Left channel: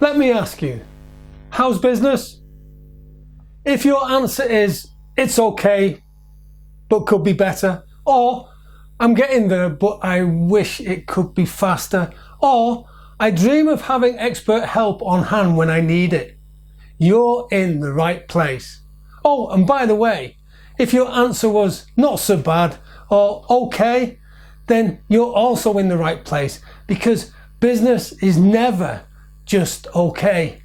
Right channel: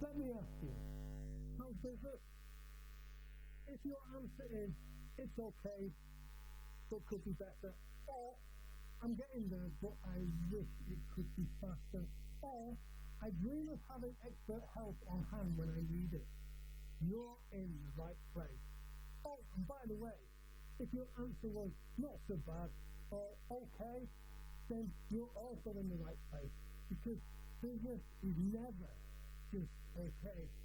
Let me ask you, how's business? If your answer is, it's okay, but could be better, or I'm getting there, but I wish it could be faster, or I dream of having expert help on hand when I need it, you're in the right place. Oh, and by the way, if your answer was not so bad or okay, then you're also in the right place, because business is never just okay.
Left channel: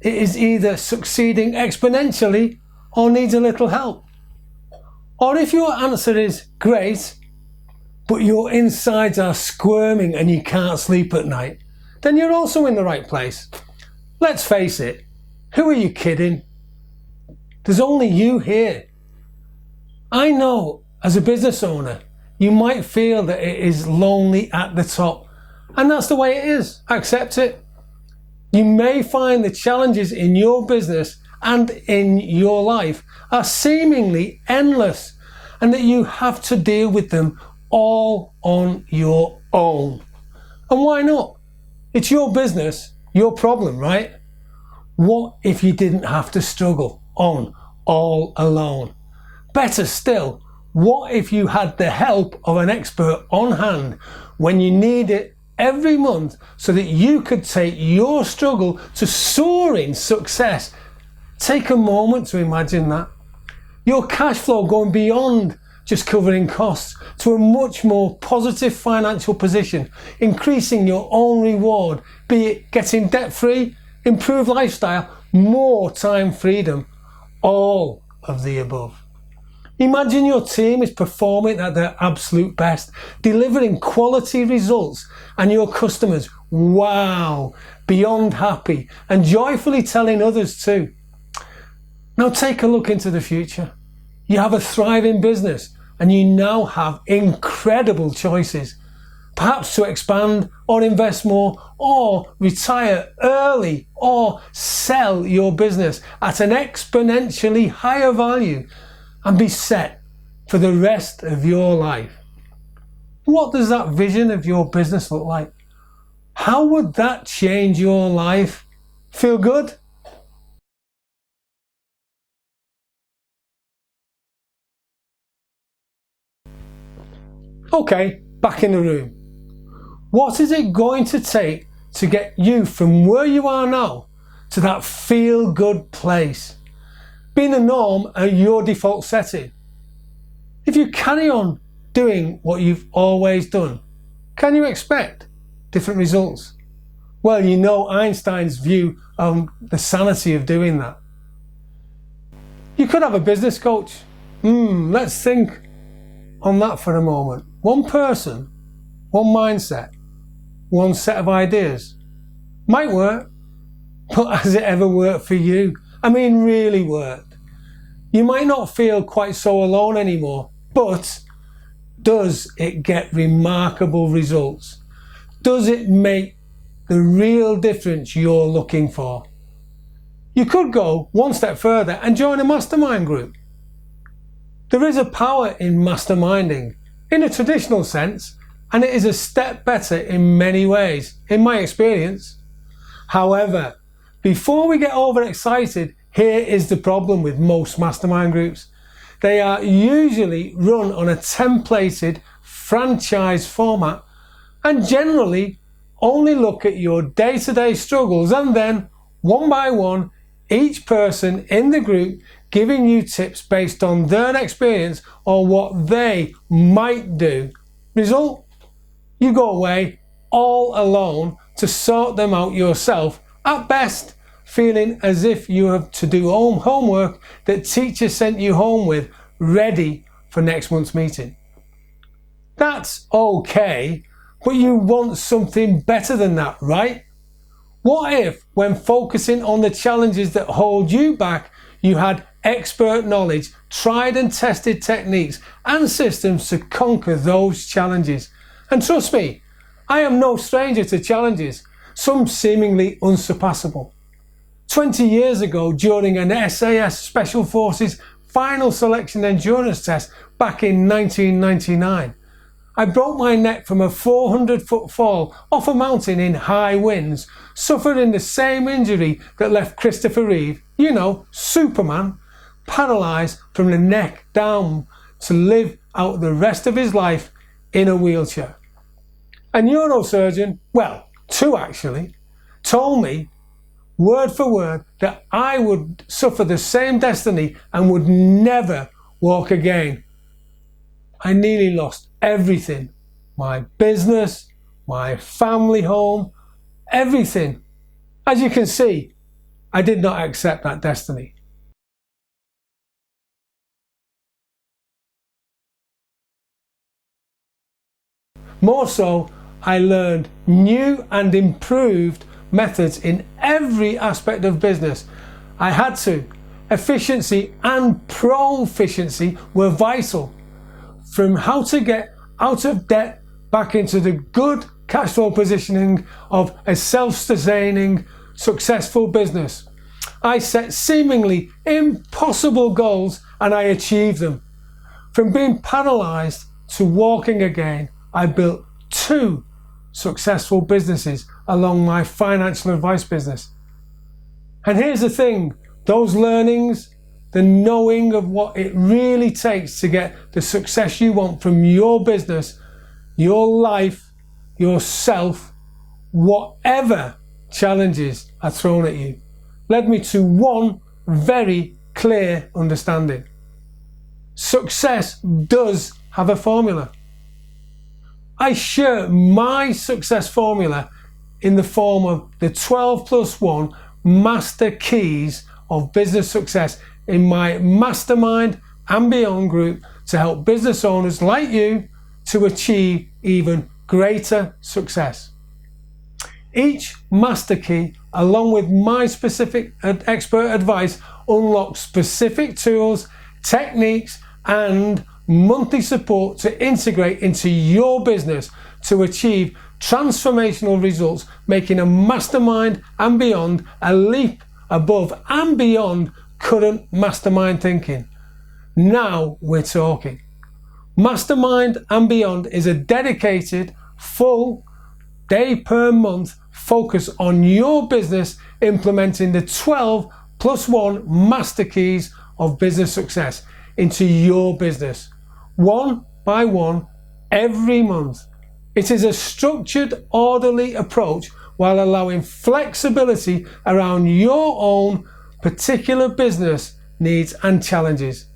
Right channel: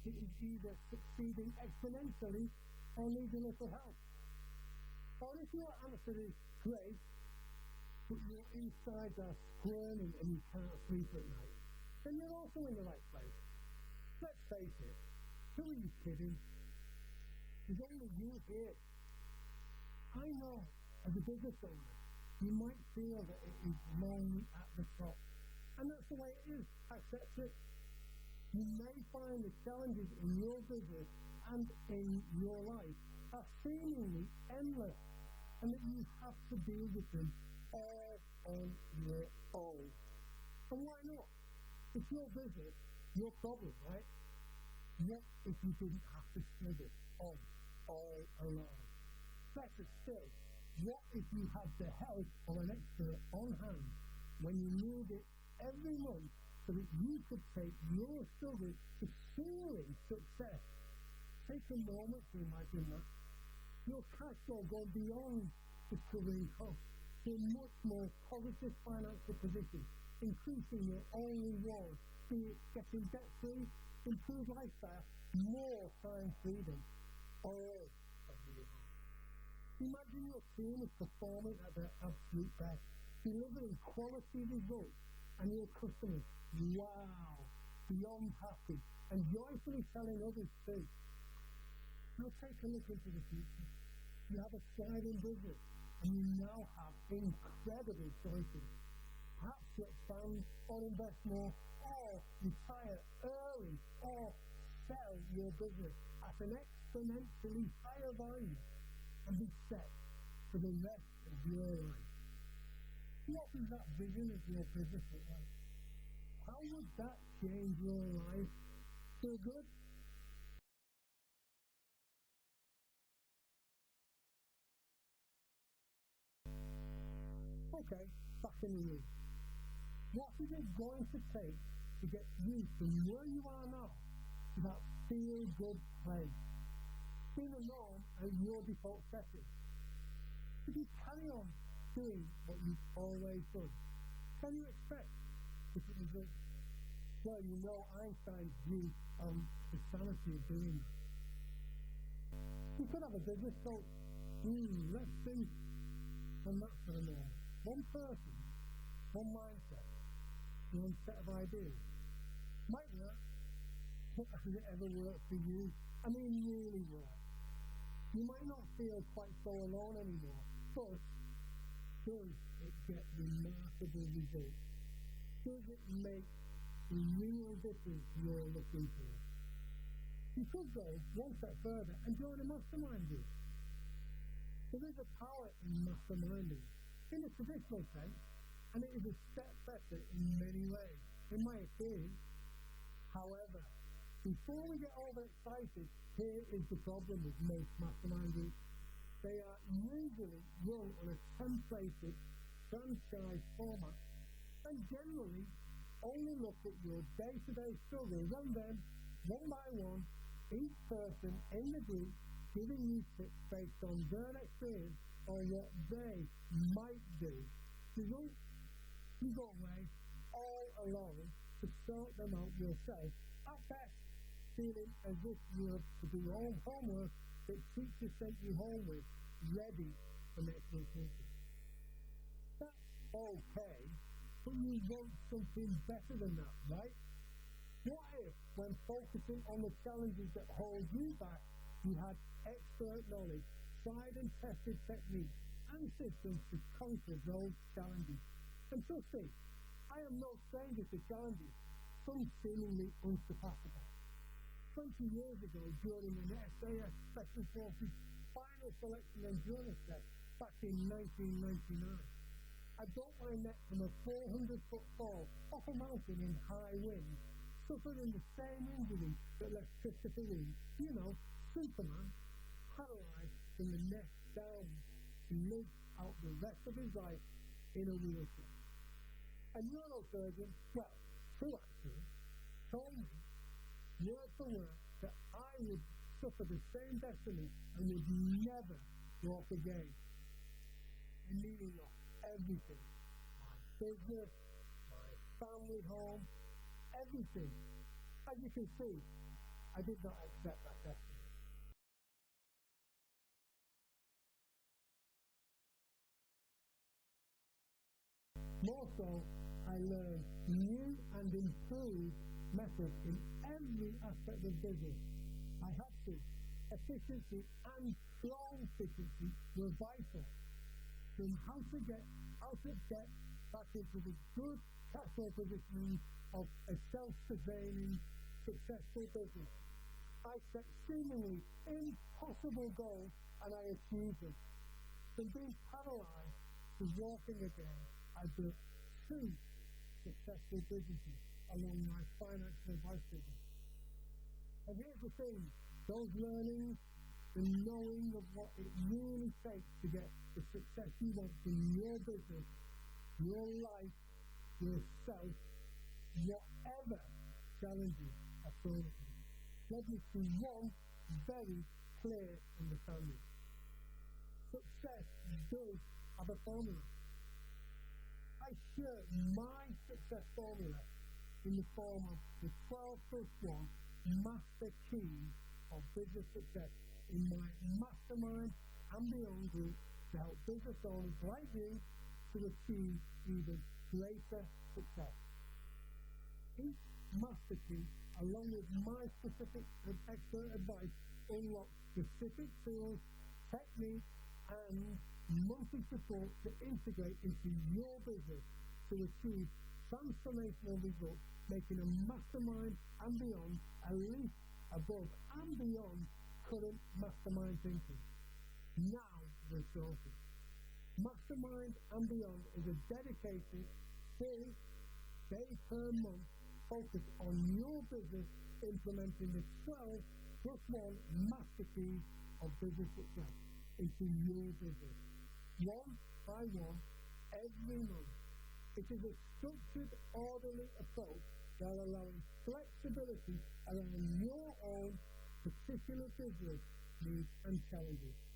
It is either succeeding exponentially or needs a little help. Or if your answer is great, but your insides are squirming and you can't sleep at night, then you're also in the right place. Let's face it, who are you kidding? There's only you here. I know as a business owner, you might feel that it is lonely at the top, and that's the way it is. Accept it. You may find the challenges in your business and in your life are seemingly endless, and that you have to deal with them all on your own. And why not? It's your business, your problem, right? What if you didn't have to struggle on all alone? Better still, what if you had the help of an expert on hand when you need it every month, so that you could take your struggle to soaring success? Take a moment to imagine that. Your cash flow going beyond just covering costs to a much more positive financial position, increasing your own reward, be it getting debt-free, improved lifestyle, more time freedom, all of the above. Imagine your team is performing at their absolute best, delivering quality results, and your customers, wow, beyond happy and joyfully telling others too. Now take a look into the future. You have a thriving business and you now have incredible choices, perhaps to expand or invest more, or retire early, or sell your business at an exponentially higher value and be set for the rest of your life. What does that vision of your business look like? How would that change your life? Feel good? Okay, back in the room. What is it going to take to get you from where you are now to that feel-good place, being the norm at your default setting? If you carry on doing what you've always done, can you expect different results? Well, you know Einstein's view on the sanity of doing that. You could have a business coach. Let's think on that for a moment. One person, one mindset, one set of ideas. Might work, but has it ever worked for you? I mean, really worked? You might not feel quite so alone anymore, but does it get remarkable results? Does it make the real difference you're looking for? You could go one step further and join a mastermind group. There is a power in masterminding, in a traditional sense, and it is a step better in many ways, in my experience. However, before we get overexcited, here is the problem with most mastermind groups. They are usually run on a templated franchise format and generally only look at your day-to-day struggles, and then, one by one, each person in the group giving you tips based on their experience or what they might do. Result? You go away all alone to sort them out yourself, at best feeling as if you have to do homework that teacher sent you home with, ready for next month's meeting. That's okay, but you want something better than that, right? What if, when focusing on the challenges that hold you back, you had expert knowledge, tried and tested techniques and systems to conquer those challenges? And trust me, I am no stranger to challenges, some seemingly unsurpassable. 20 years ago, during an SAS Special Forces final selection endurance test back in 1999, I broke my neck from a 400-foot fall off a mountain in high winds, suffering the same injury that left Christopher Reeve, you know, Superman, paralysed from the neck down to live out the rest of his life in a wheelchair. A neurosurgeon, well, two actually, told me word for word that I would suffer the same destiny and would never walk again. I nearly lost everything. My business, my family home, everything. As you can see, I did not accept that destiny. More so, I learned new and improved methods in every aspect of business. I had to. Efficiency and proficiency were vital. From how to get out of debt back into the good cash flow positioning of a self-sustaining, successful business. I set seemingly impossible goals and I achieved them. From being paralysed to walking again, I built 2 successful businesses along my financial advice business. And here's the thing, those learnings, the knowing of what it really takes to get the success you want from your business, your life, yourself, whatever challenges are thrown at you, led me to one very clear understanding. Success does have a formula. I share my success formula in the form of the 12+1 master keys of business success in my Mastermind and Beyond group to help business owners like you to achieve even greater success. Each master key, along with my specific expert advice, unlocks specific tools, techniques, and monthly support to integrate into your business to achieve transformational results, making a Mastermind and Beyond a leap above and beyond current mastermind thinking. Now we're talking. Mastermind and Beyond is a dedicated, full day per month focus on your business, implementing the 12+1 master keys of business success into your business, one by one, every month. It is a structured, orderly approach while allowing flexibility around your own particular business needs and challenges.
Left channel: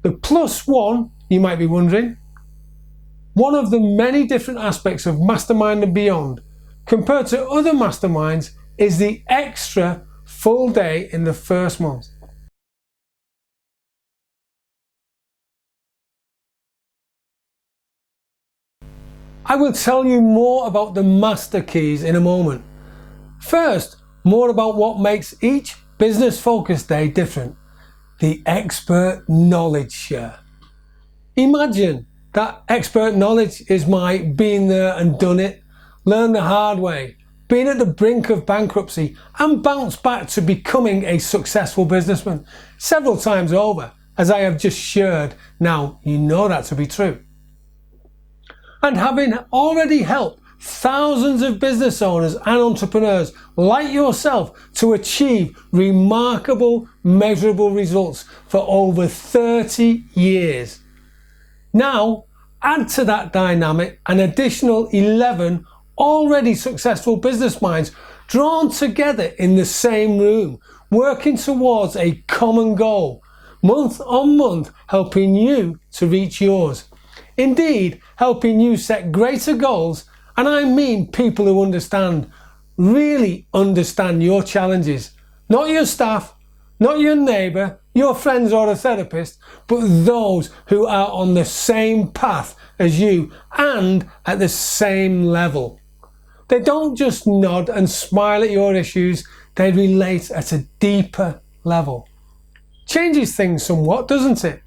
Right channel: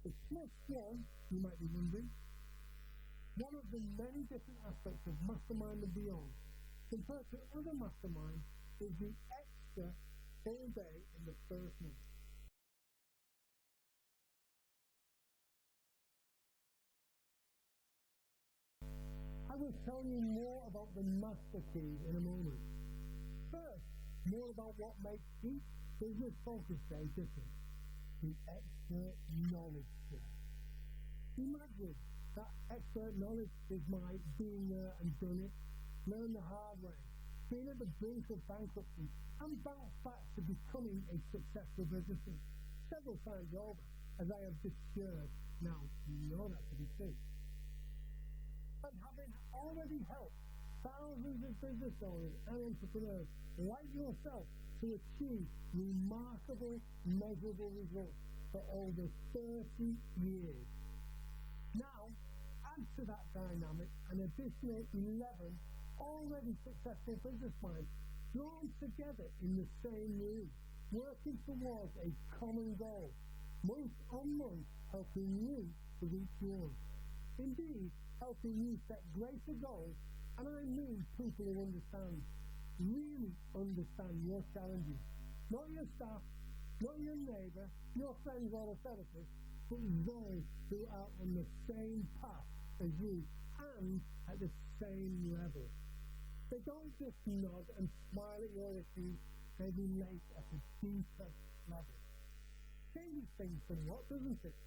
The +1, you might be wondering, one of the many different aspects of Mastermind and Beyond, compared to other masterminds, is the extra full day in the first month. I will tell you more about the master keys in a moment. First, more about what makes each business focus day different. The expert knowledge share. Imagine that expert knowledge is my been there and done it, learn the hard way, been at the brink of bankruptcy and bounced back to becoming a successful businessman several times over, as I have just shared. Now you know that to be true. And having already helped thousands of business owners and entrepreneurs like yourself to achieve remarkable, measurable results for over 30 years. Now, add to that dynamic an additional 11 already successful business minds drawn together in the same room, working towards a common goal, month on month, helping you to reach yours. Indeed, helping you set greater goals, and I mean people who understand, really understand your challenges. Not your staff, not your neighbour, your friends or a therapist, but those who are on the same path as you and at the same level. They don't just nod and smile at your issues, they relate at a deeper level. Changes things somewhat, doesn't it?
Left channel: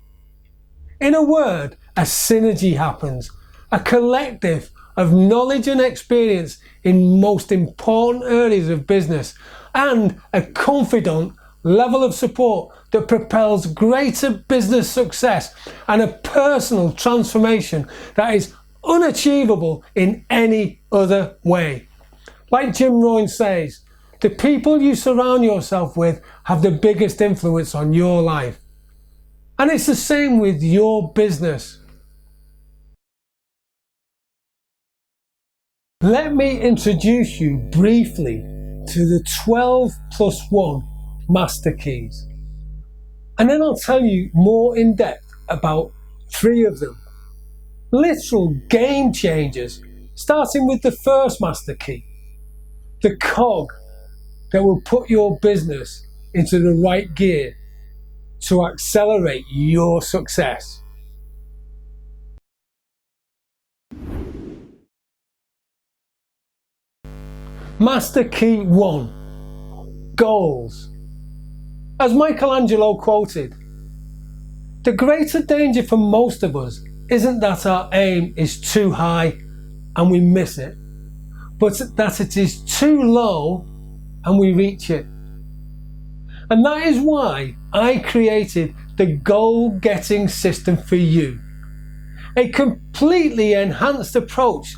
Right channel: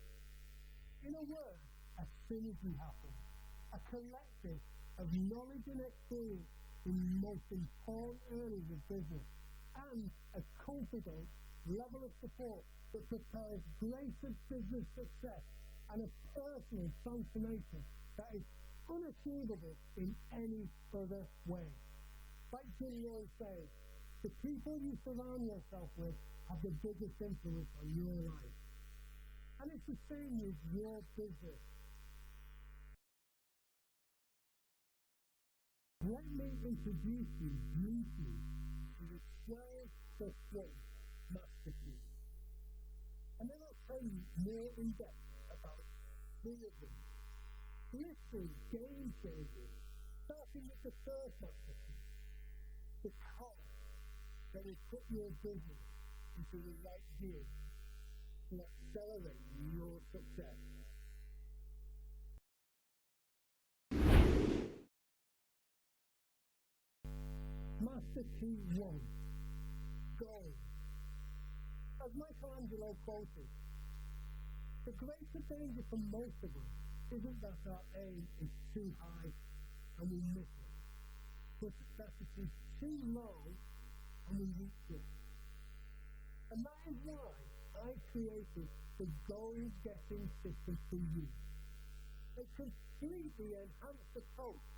In a word, a synergy happens, a collective of knowledge and experience in most important areas of business, and a confident level of support that propels greater business success and a personal transformation that is unachievable in any other way. Like Jim Rohn says, the people you surround yourself with have the biggest influence on your life. And it's the same with your business. Let me introduce you briefly to the 12+1 master keys. And then I'll tell you more in depth about 3 of them. Literal game changers, starting with the first master key, the cog that will put your business into the right gear to accelerate your success. Master key 1, goals. As Michelangelo quoted, the greater danger for most of us isn't that our aim is too high and we miss it, but that it is too low and we reach it. And that is why I created the goal-getting system for you, a completely enhanced approach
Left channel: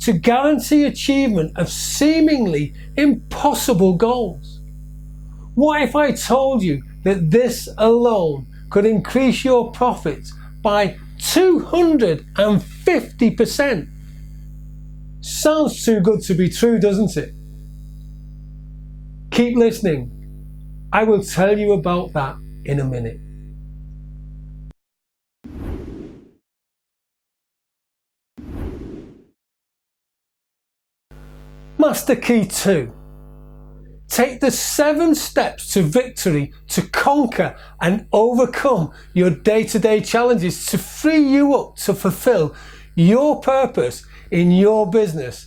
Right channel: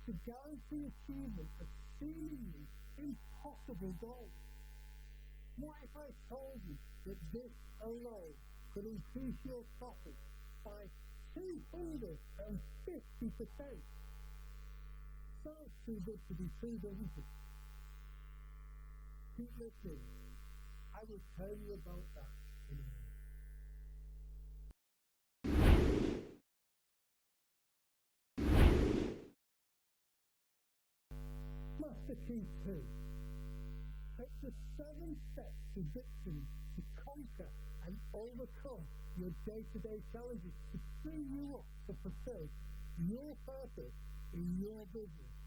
to guarantee achievement of seemingly impossible goals. What if I told you that this alone could increase your profits by 250%? Sounds too good to be true, doesn't it? Keep listening. I will tell you about that in a minute. Master key 2. Take the 7 steps to victory to conquer and overcome your day-to-day challenges to free you up to fulfill your purpose in your business.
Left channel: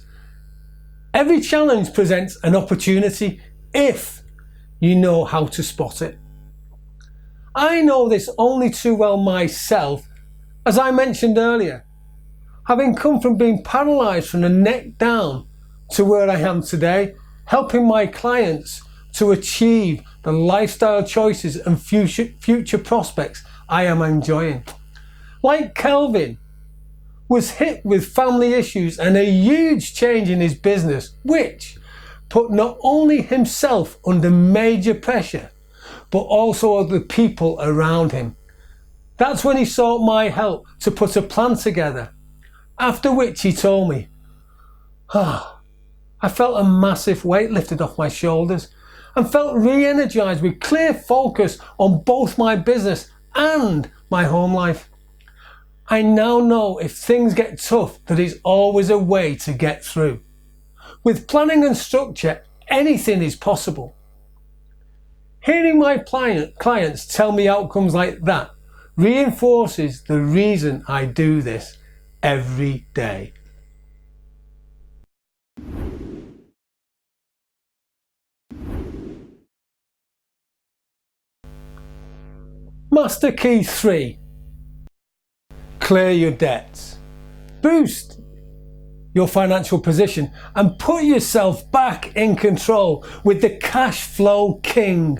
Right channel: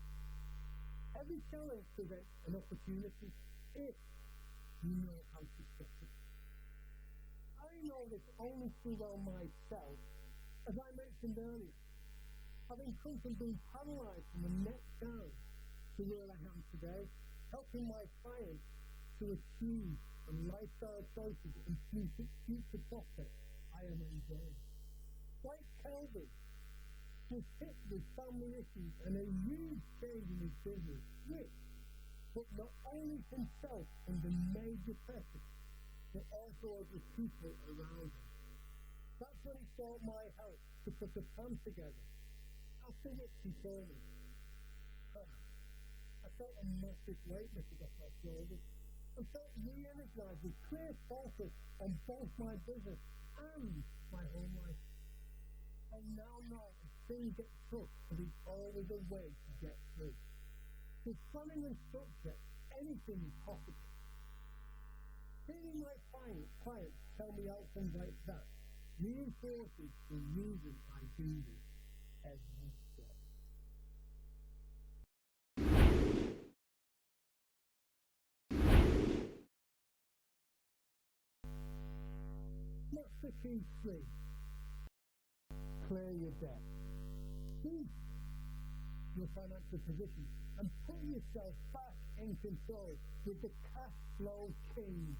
Every challenge presents an opportunity if you know how to spot it. I know this only too well myself, as I mentioned earlier, having come from being paralysed from the neck down to where I am today, helping my clients to achieve the lifestyle choices and future prospects I am enjoying. Like Kelvin, was hit with family issues and a huge change in his business, which put not only himself under major pressure, but also other people around him. That's when he sought my help to put a plan together, after which he told me, I felt a massive weight lifted off my shoulders and felt re-energized with clear focus on both my business and my home life. I now know if things get tough, that is always a way to get through. With planning and structure, anything is possible. Hearing my clients tell me outcomes like that reinforces the reason I do this every day. Master key 3. Clear your debts. Boost your financial position and put yourself back in control with the cash flow king.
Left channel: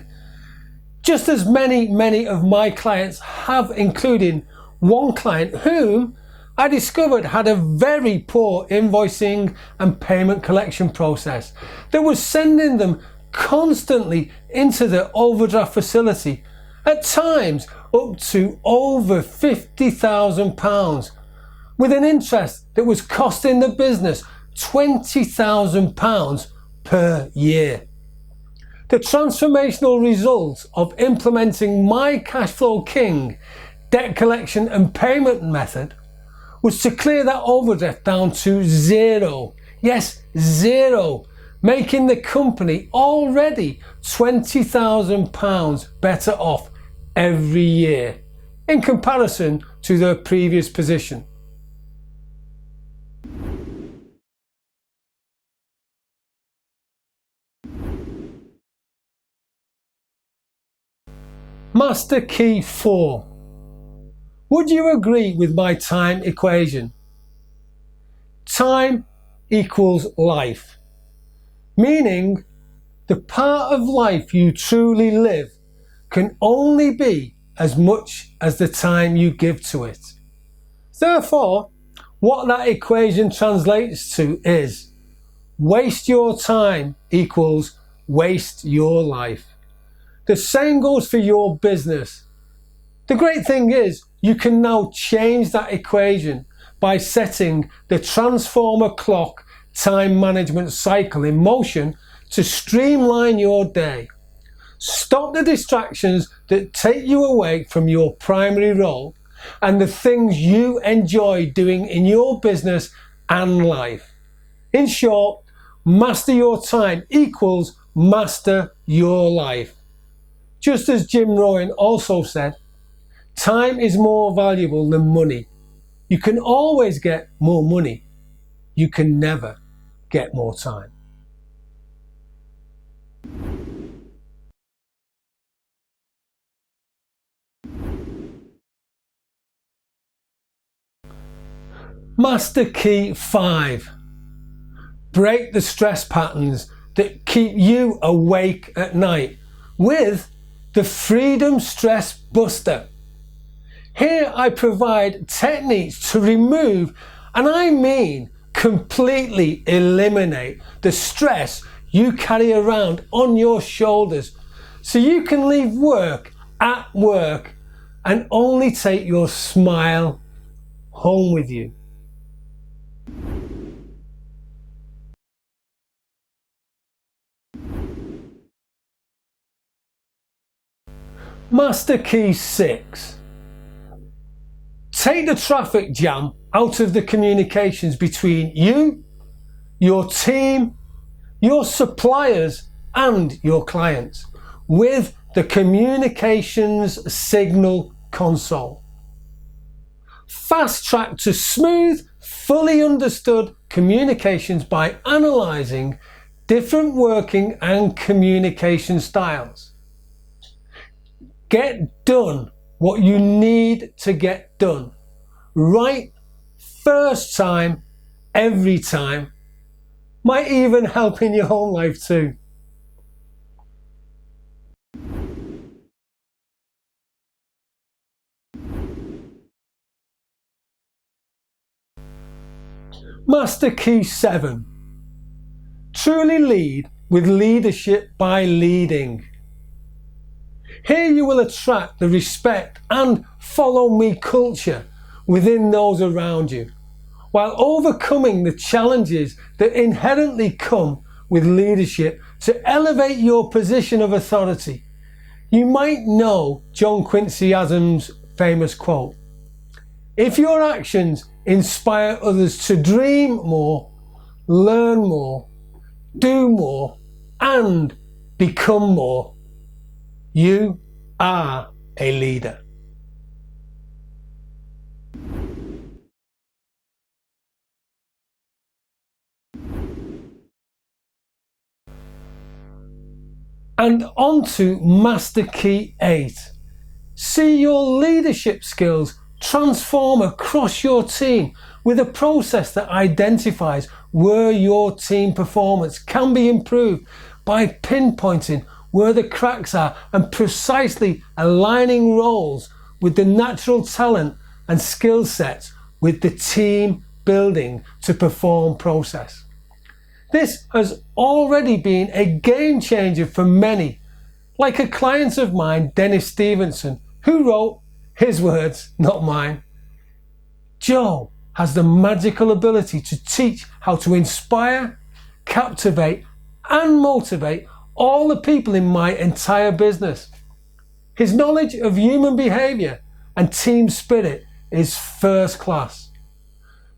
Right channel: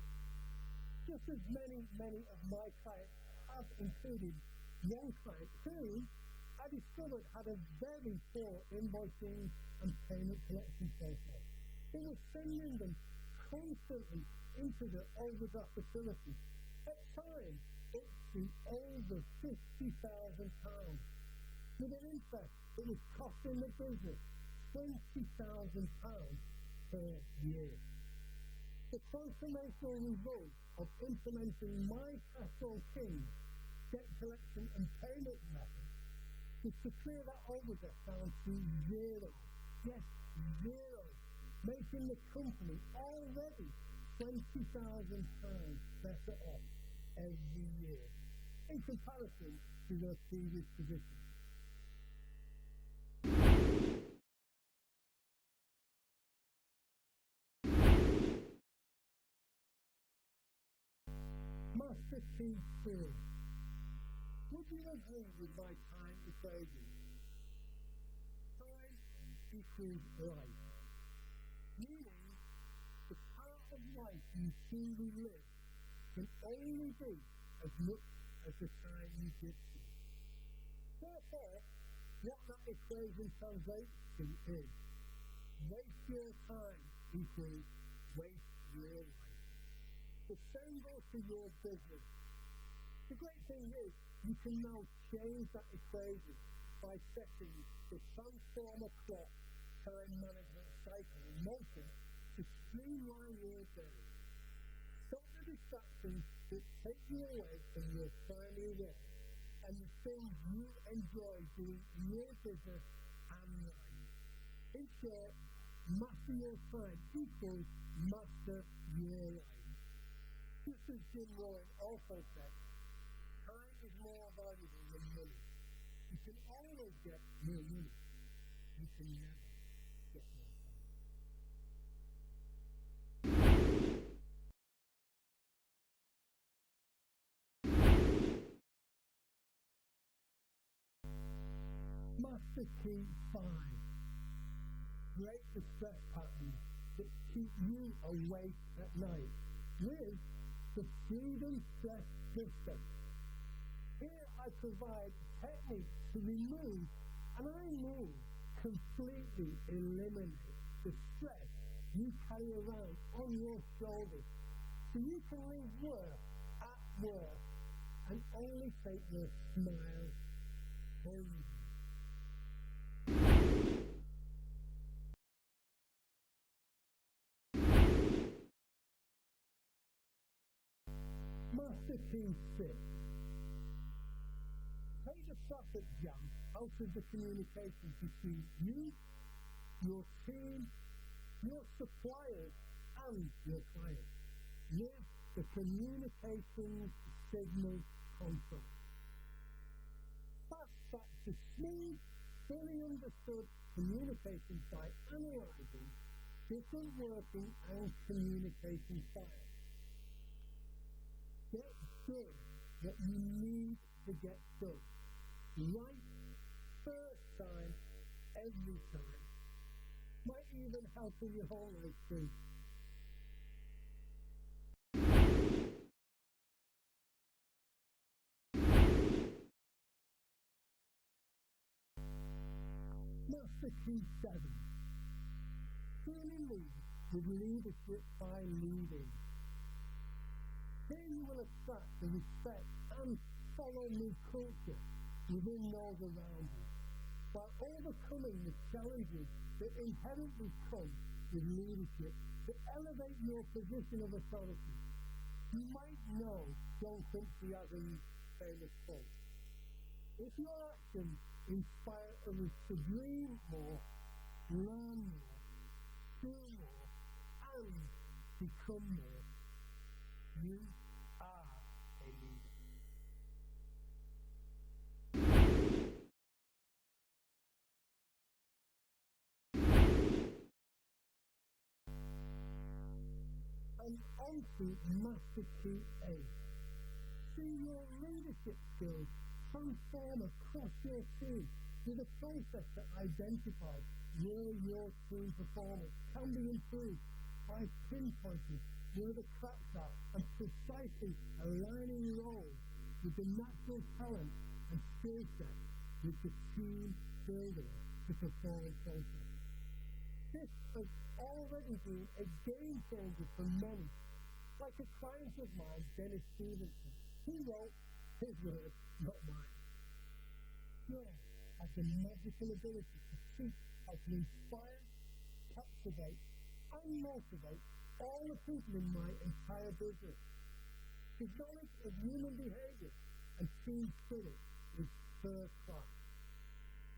Just as many of my clients have, including one client whom I discovered had a very poor invoicing and payment collection process that was sending them constantly into the overdraft facility, at times up to over £50,000, with an interest that was costing the business £20,000 per year. The transformational result of implementing my cash flow king debt collection and payment method was to clear that overdraft down to 0. Yes, 0, making the company already £20,000 better off every year in comparison to their previous position. Master key 4. Would you agree with my time equation? Time equals life, meaning the part of life you truly live can only be as much as the time you give to it. Therefore, What that equation translates to is waste your time equals waste your life. The same goes for your business. The great thing is you can now change that equation by setting the transformer clock time management cycle in motion to streamline your day. Stop the distractions that take you away from your primary role and the things you enjoy doing in your business and life. In short, master your time equals master your life. Just as Jim Rohn also said, time is more valuable than money. You can always get more money. You can never get more time. Master Key 5. Break the stress patterns that keep you awake at night with the Freedom Stress Buster. Here I provide techniques to remove, and I mean completely eliminate, the stress you carry around on your shoulders so you can leave work at work and only take your smile home with you. Master Key 6. Take the traffic jam out of the communications between you, your team, your suppliers and your clients with the communications signal console. Fast track to smooth, fully understood communications by analysing different working and communication styles. Get done what you need to get done. Right first time, every time. Might even help in your home life too. Master Key 7. Truly lead with leadership by leading. Here you will attract the respect and follow me culture within those around you, while overcoming the challenges that inherently come with leadership to elevate your position of authority. You might know John Quincy Adams' famous quote, "If your actions inspire others to dream more, learn more, do more, and become more, you are a leader." And on to Master Key 8. See your leadership skills transform across your team with a process that identifies where your team performance can be improved by pinpointing where the cracks are and precisely aligning roles with the natural talent and skill sets with the team building to perform process. This has already been a game changer for many, like a client of mine, Dennis Stevenson, who wrote his words, not mine. "Joe has the magical ability to teach how to inspire, captivate and motivate all the people in my entire business. His knowledge of human behaviour and team spirit is first class.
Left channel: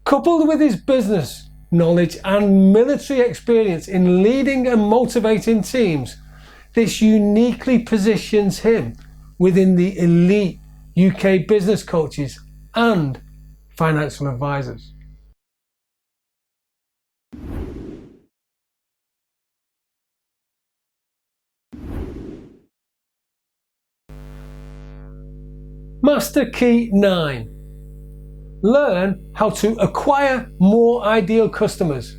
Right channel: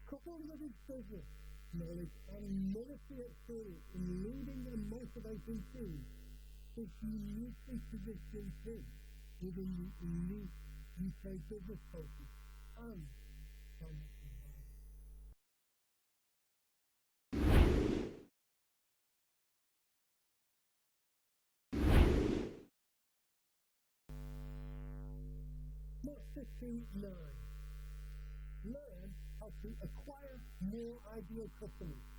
Coupled with his business knowledge and military experience in leading and motivating teams, this uniquely positions him within the elite UK business coaches and financial advisors." Master Key 9. Learn how to acquire more ideal customers,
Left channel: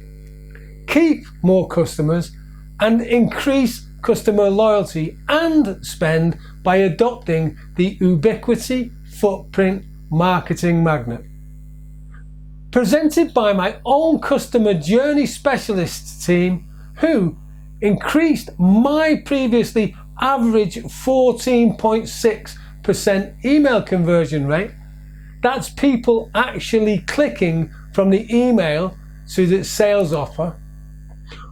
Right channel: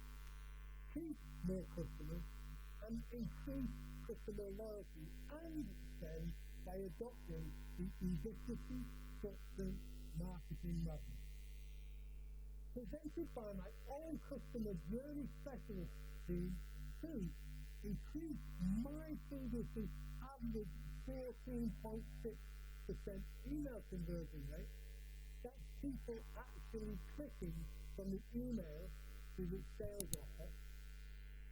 keep more customers, and increase customer loyalty and spend by adopting the ubiquity footprint marketing magnet. presented by my own customer journey specialists team, who increased my previously average 14.6% email conversion rate. That's people actually clicking from the email to the sales offer,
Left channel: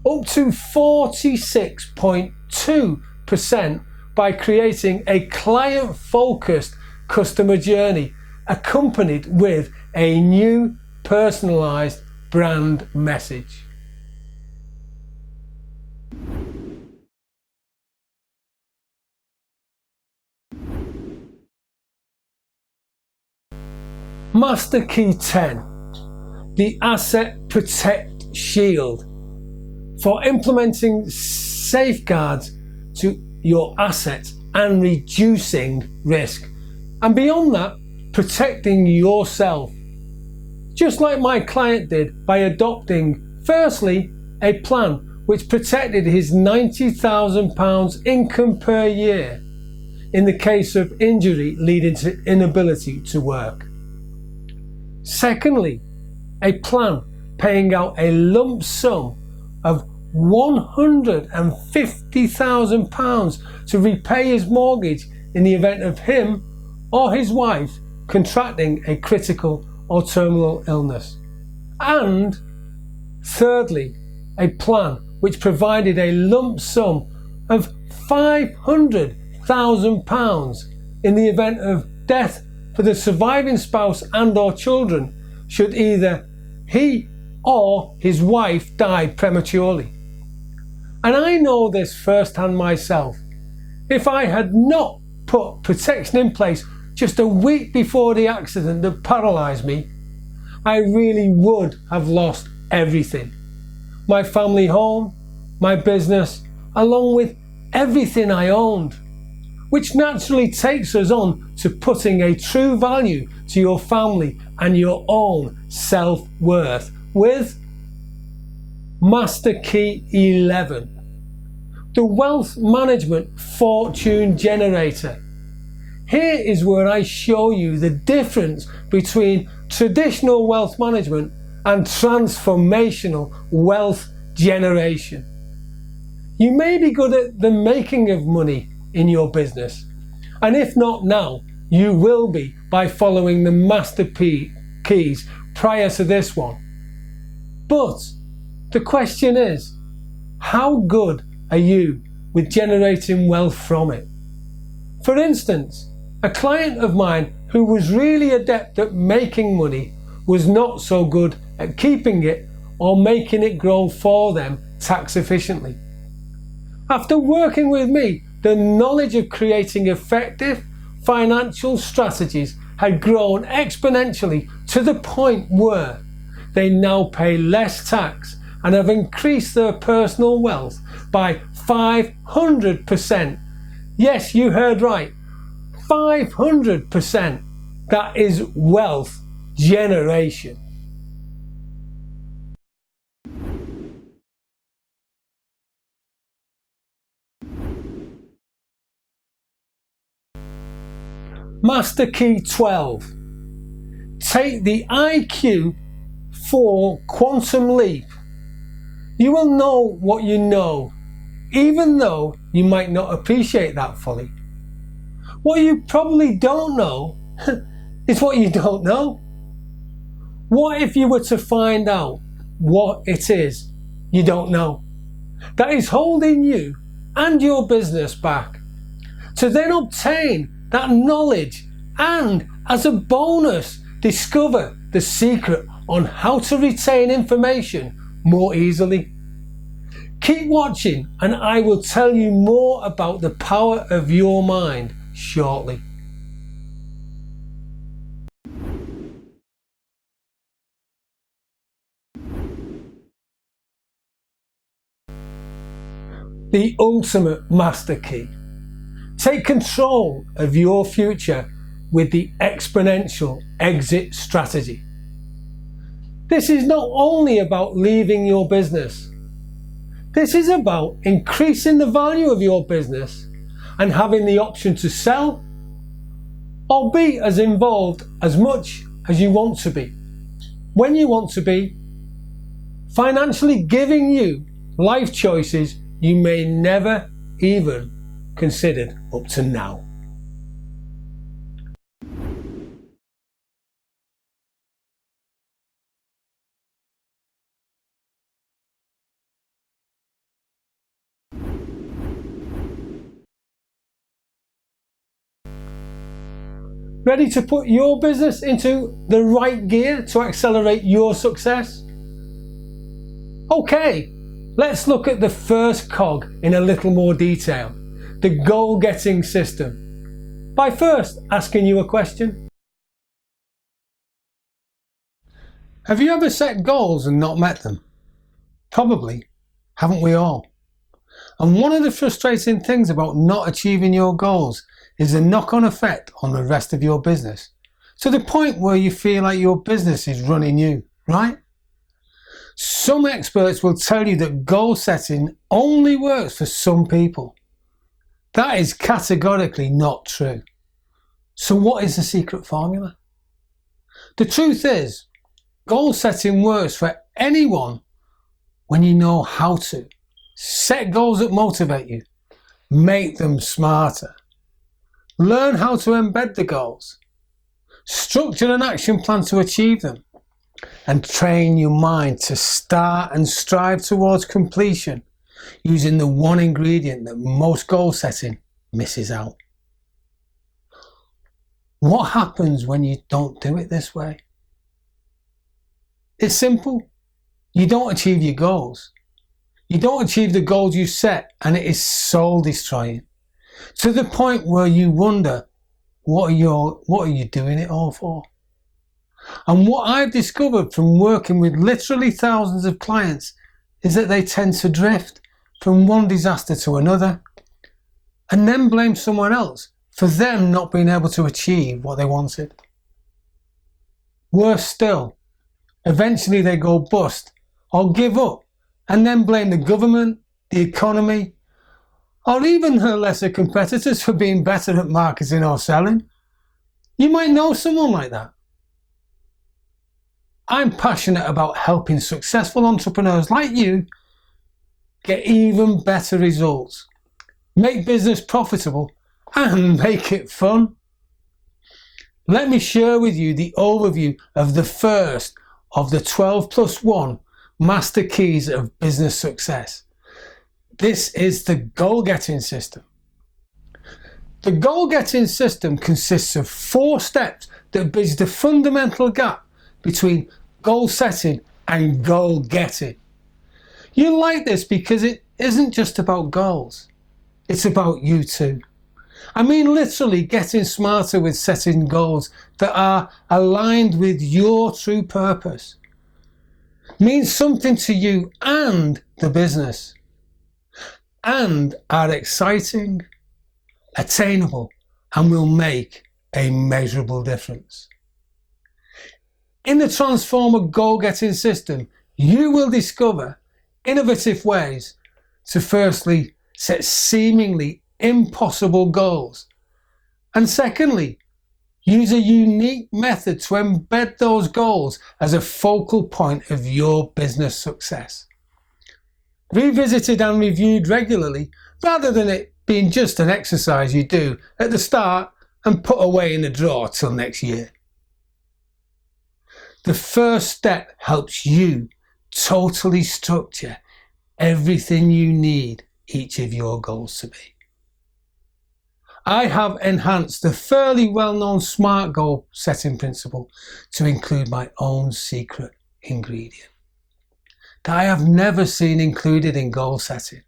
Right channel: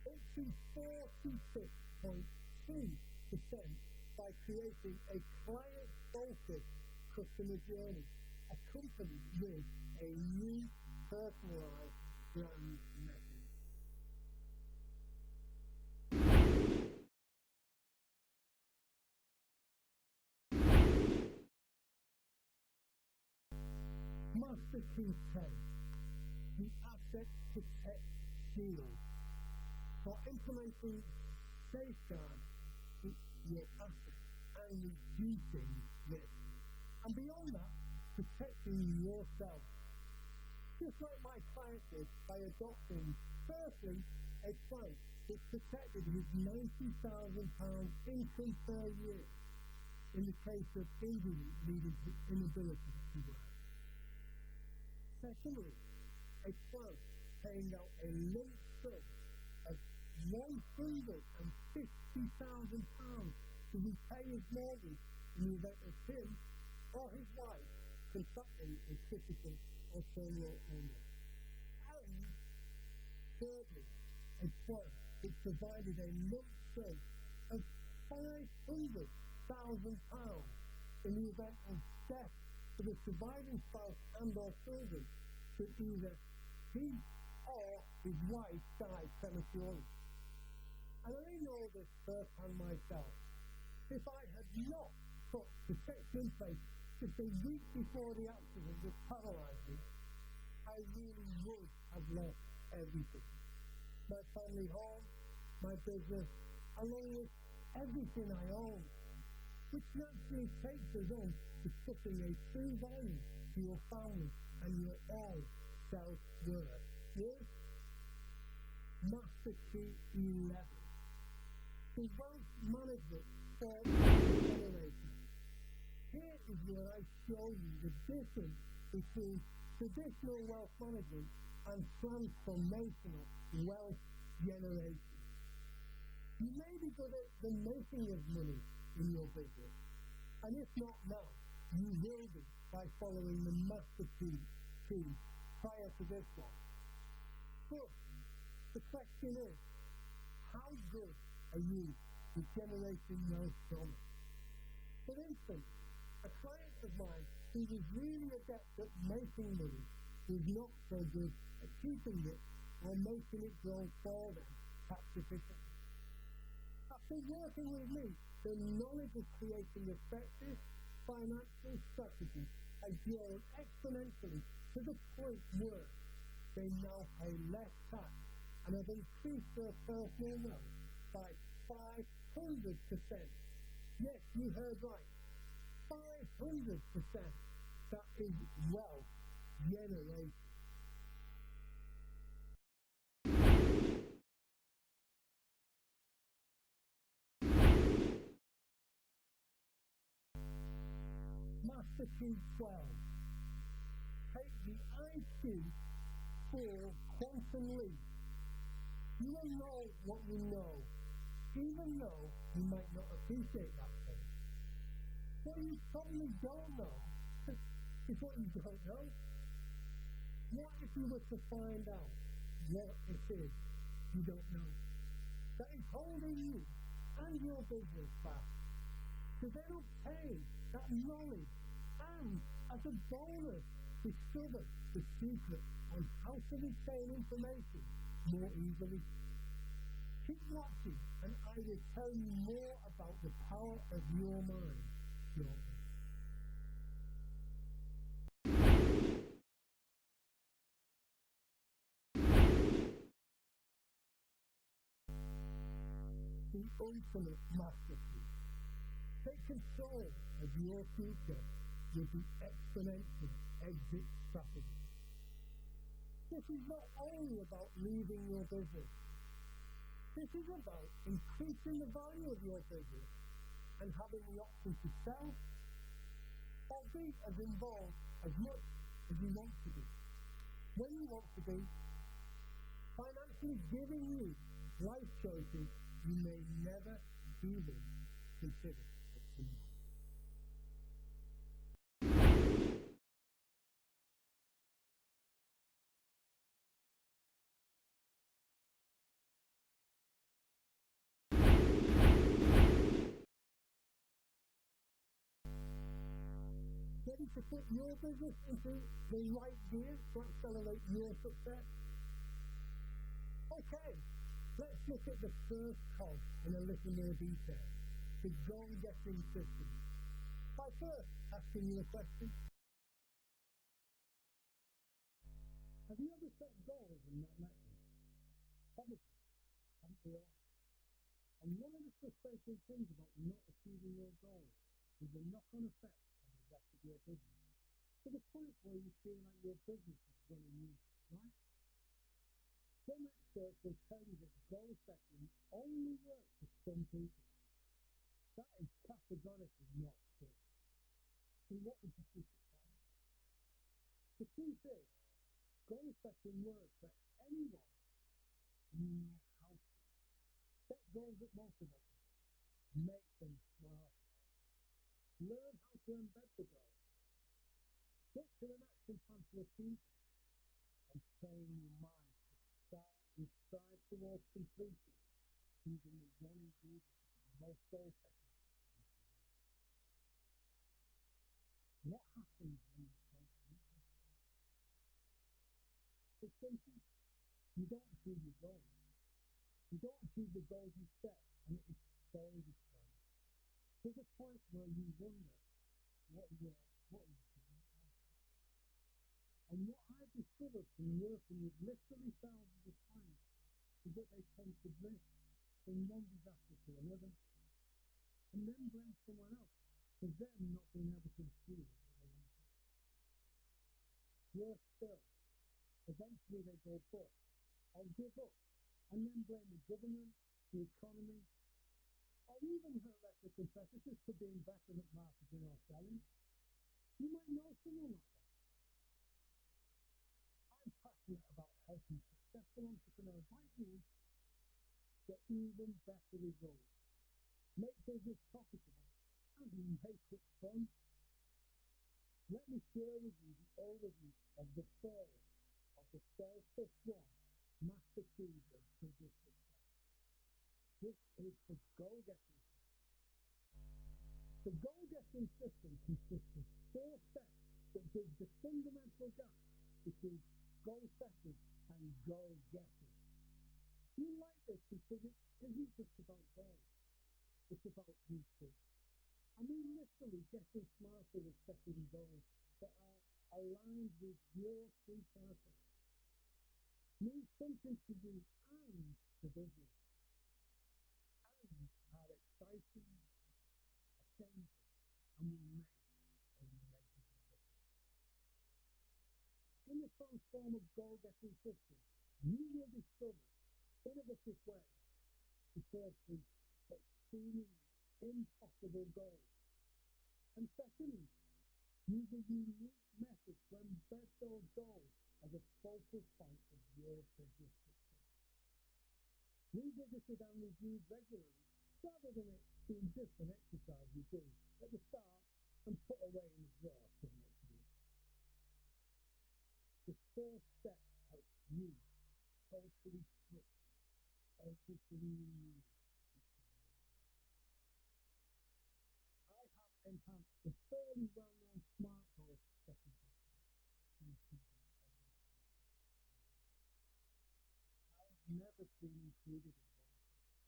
up to 46.2% by creating a client-focused customer journey accompanied with a new personalized brand message. Master Key 10, the Asset Protect Shield, for implementing safeguards to your assets and reducing risk. And beyond that, protecting yourself. Just like my client did by adopting, firstly, a plan which protected his £90,000 income per year in the case of injury leading to inability to work. Secondly, a plan paying out a lump sum of £150,000 to repay his mortgage in the event of him or his wife contracting a critical or terminal illness. And thirdly, a plan which provided a lump sum of £500,000 in the event of death for the surviving spouse and or children should either he or his wife die prematurely. And I know this firsthand myself. If I had not put protection in place just a week before the accident that paralysed me, I really would have lost everything. My family home, my business, along with everything I owned. Which naturally takes us on to putting a true value to your family and your own self-worth with Master Key 11, the Wealth Management Fortune Generator. Here is where I show you the difference between traditional wealth management and transformational wealth generation. You may be good at the making of money in your business, and if not now, you will be by following the master keys prior to this one. But the question is, how good are you with generating wealth from it? For instance, a client of mine who was really adept at making money was not so good at keeping it or making it grow for them tax efficiently. After working with me, the knowledge of creating effective financial strategies had grown exponentially to the point where they now pay less tax and have increased their personal wealth by 500%. Yes, you heard right, 500%. That is wealth generation. Master Key 12. Take the IQ for quantum leap. You will know what you know, even though you might not appreciate that fully. What you probably don't know is what you don't know. What if you were to find out what it is you don't know that is holding you and your business back, to then obtain that knowledge and, as a bonus, discover the secret on how to retain information more easily? Keep watching and I will tell you more about the power of your mind shortly. The ultimate master key. Take control of your future with the exponential exit strategy. This is not only about leaving your business. This is about increasing the value of your business and having the option to sell or be as involved as much as you want to be. when you want to be, financially giving you life choices you may never even considered up to now. Ready to put your business into the right gear to accelerate your success? Okay, let's look at the first cog in a little more detail, the goal-getting system, by first asking you a question. Have you ever set goals and not met them? Probably, haven't we all? And one of the frustrating things about not achieving your goals is the knock-on effect on the rest of your business, to the point where you feel like your business is running you, right? Some experts will tell you that goal setting only works for some people. That is categorically not true. So what is the secret formula? The truth is, goal setting works for anyone when you know how to. Set goals that motivate you. Make them smarter. Learn how to embed the goals. Structure an action plan to achieve them. And train your mind to start and strive towards completion using the one ingredient that most goal setting misses out. What happens when you don't do it this way? It's simple. You don't achieve your goals. You don't achieve the goals you set, and it is soul destroying. To the point where you wonder, what are you doing it all for? And what I've discovered from working with literally thousands of clients is that they tend to drift from one disaster to another and then blame someone else for them not being able to achieve what they wanted. Worse still, eventually they go bust or give up and then blame the government, the economy, or even her lesser competitors for being better at marketing or selling. You might know someone like that. I'm passionate about helping successful entrepreneurs like you get even better results, make business profitable, and make it fun. Let me share with you the overview of the first of the 12+1 master keys of business success. This is the goal-getting system. The goal-getting system consists of 4 steps that bridge the fundamental gap between goal setting and goal getting. You like this because it isn't just about goals, it's about you too. I mean literally getting smarter with setting goals that are aligned with your true purpose. Means something to you and the business, and are exciting, attainable, and will make a measurable difference. In the Transformer goal-getting system, you will discover innovative ways to firstly set seemingly impossible goals, and secondly, use a unique method to embed those goals as a focal point of your business success. Revisited and reviewed regularly, rather than it being just an exercise you do at the start and put away in the drawer till next year. The first step helps you totally structure everything you need each of your goals to be. I have enhanced the fairly well-known SMART goal setting principle to include my own secret ingredient that I have never seen included in goal setting,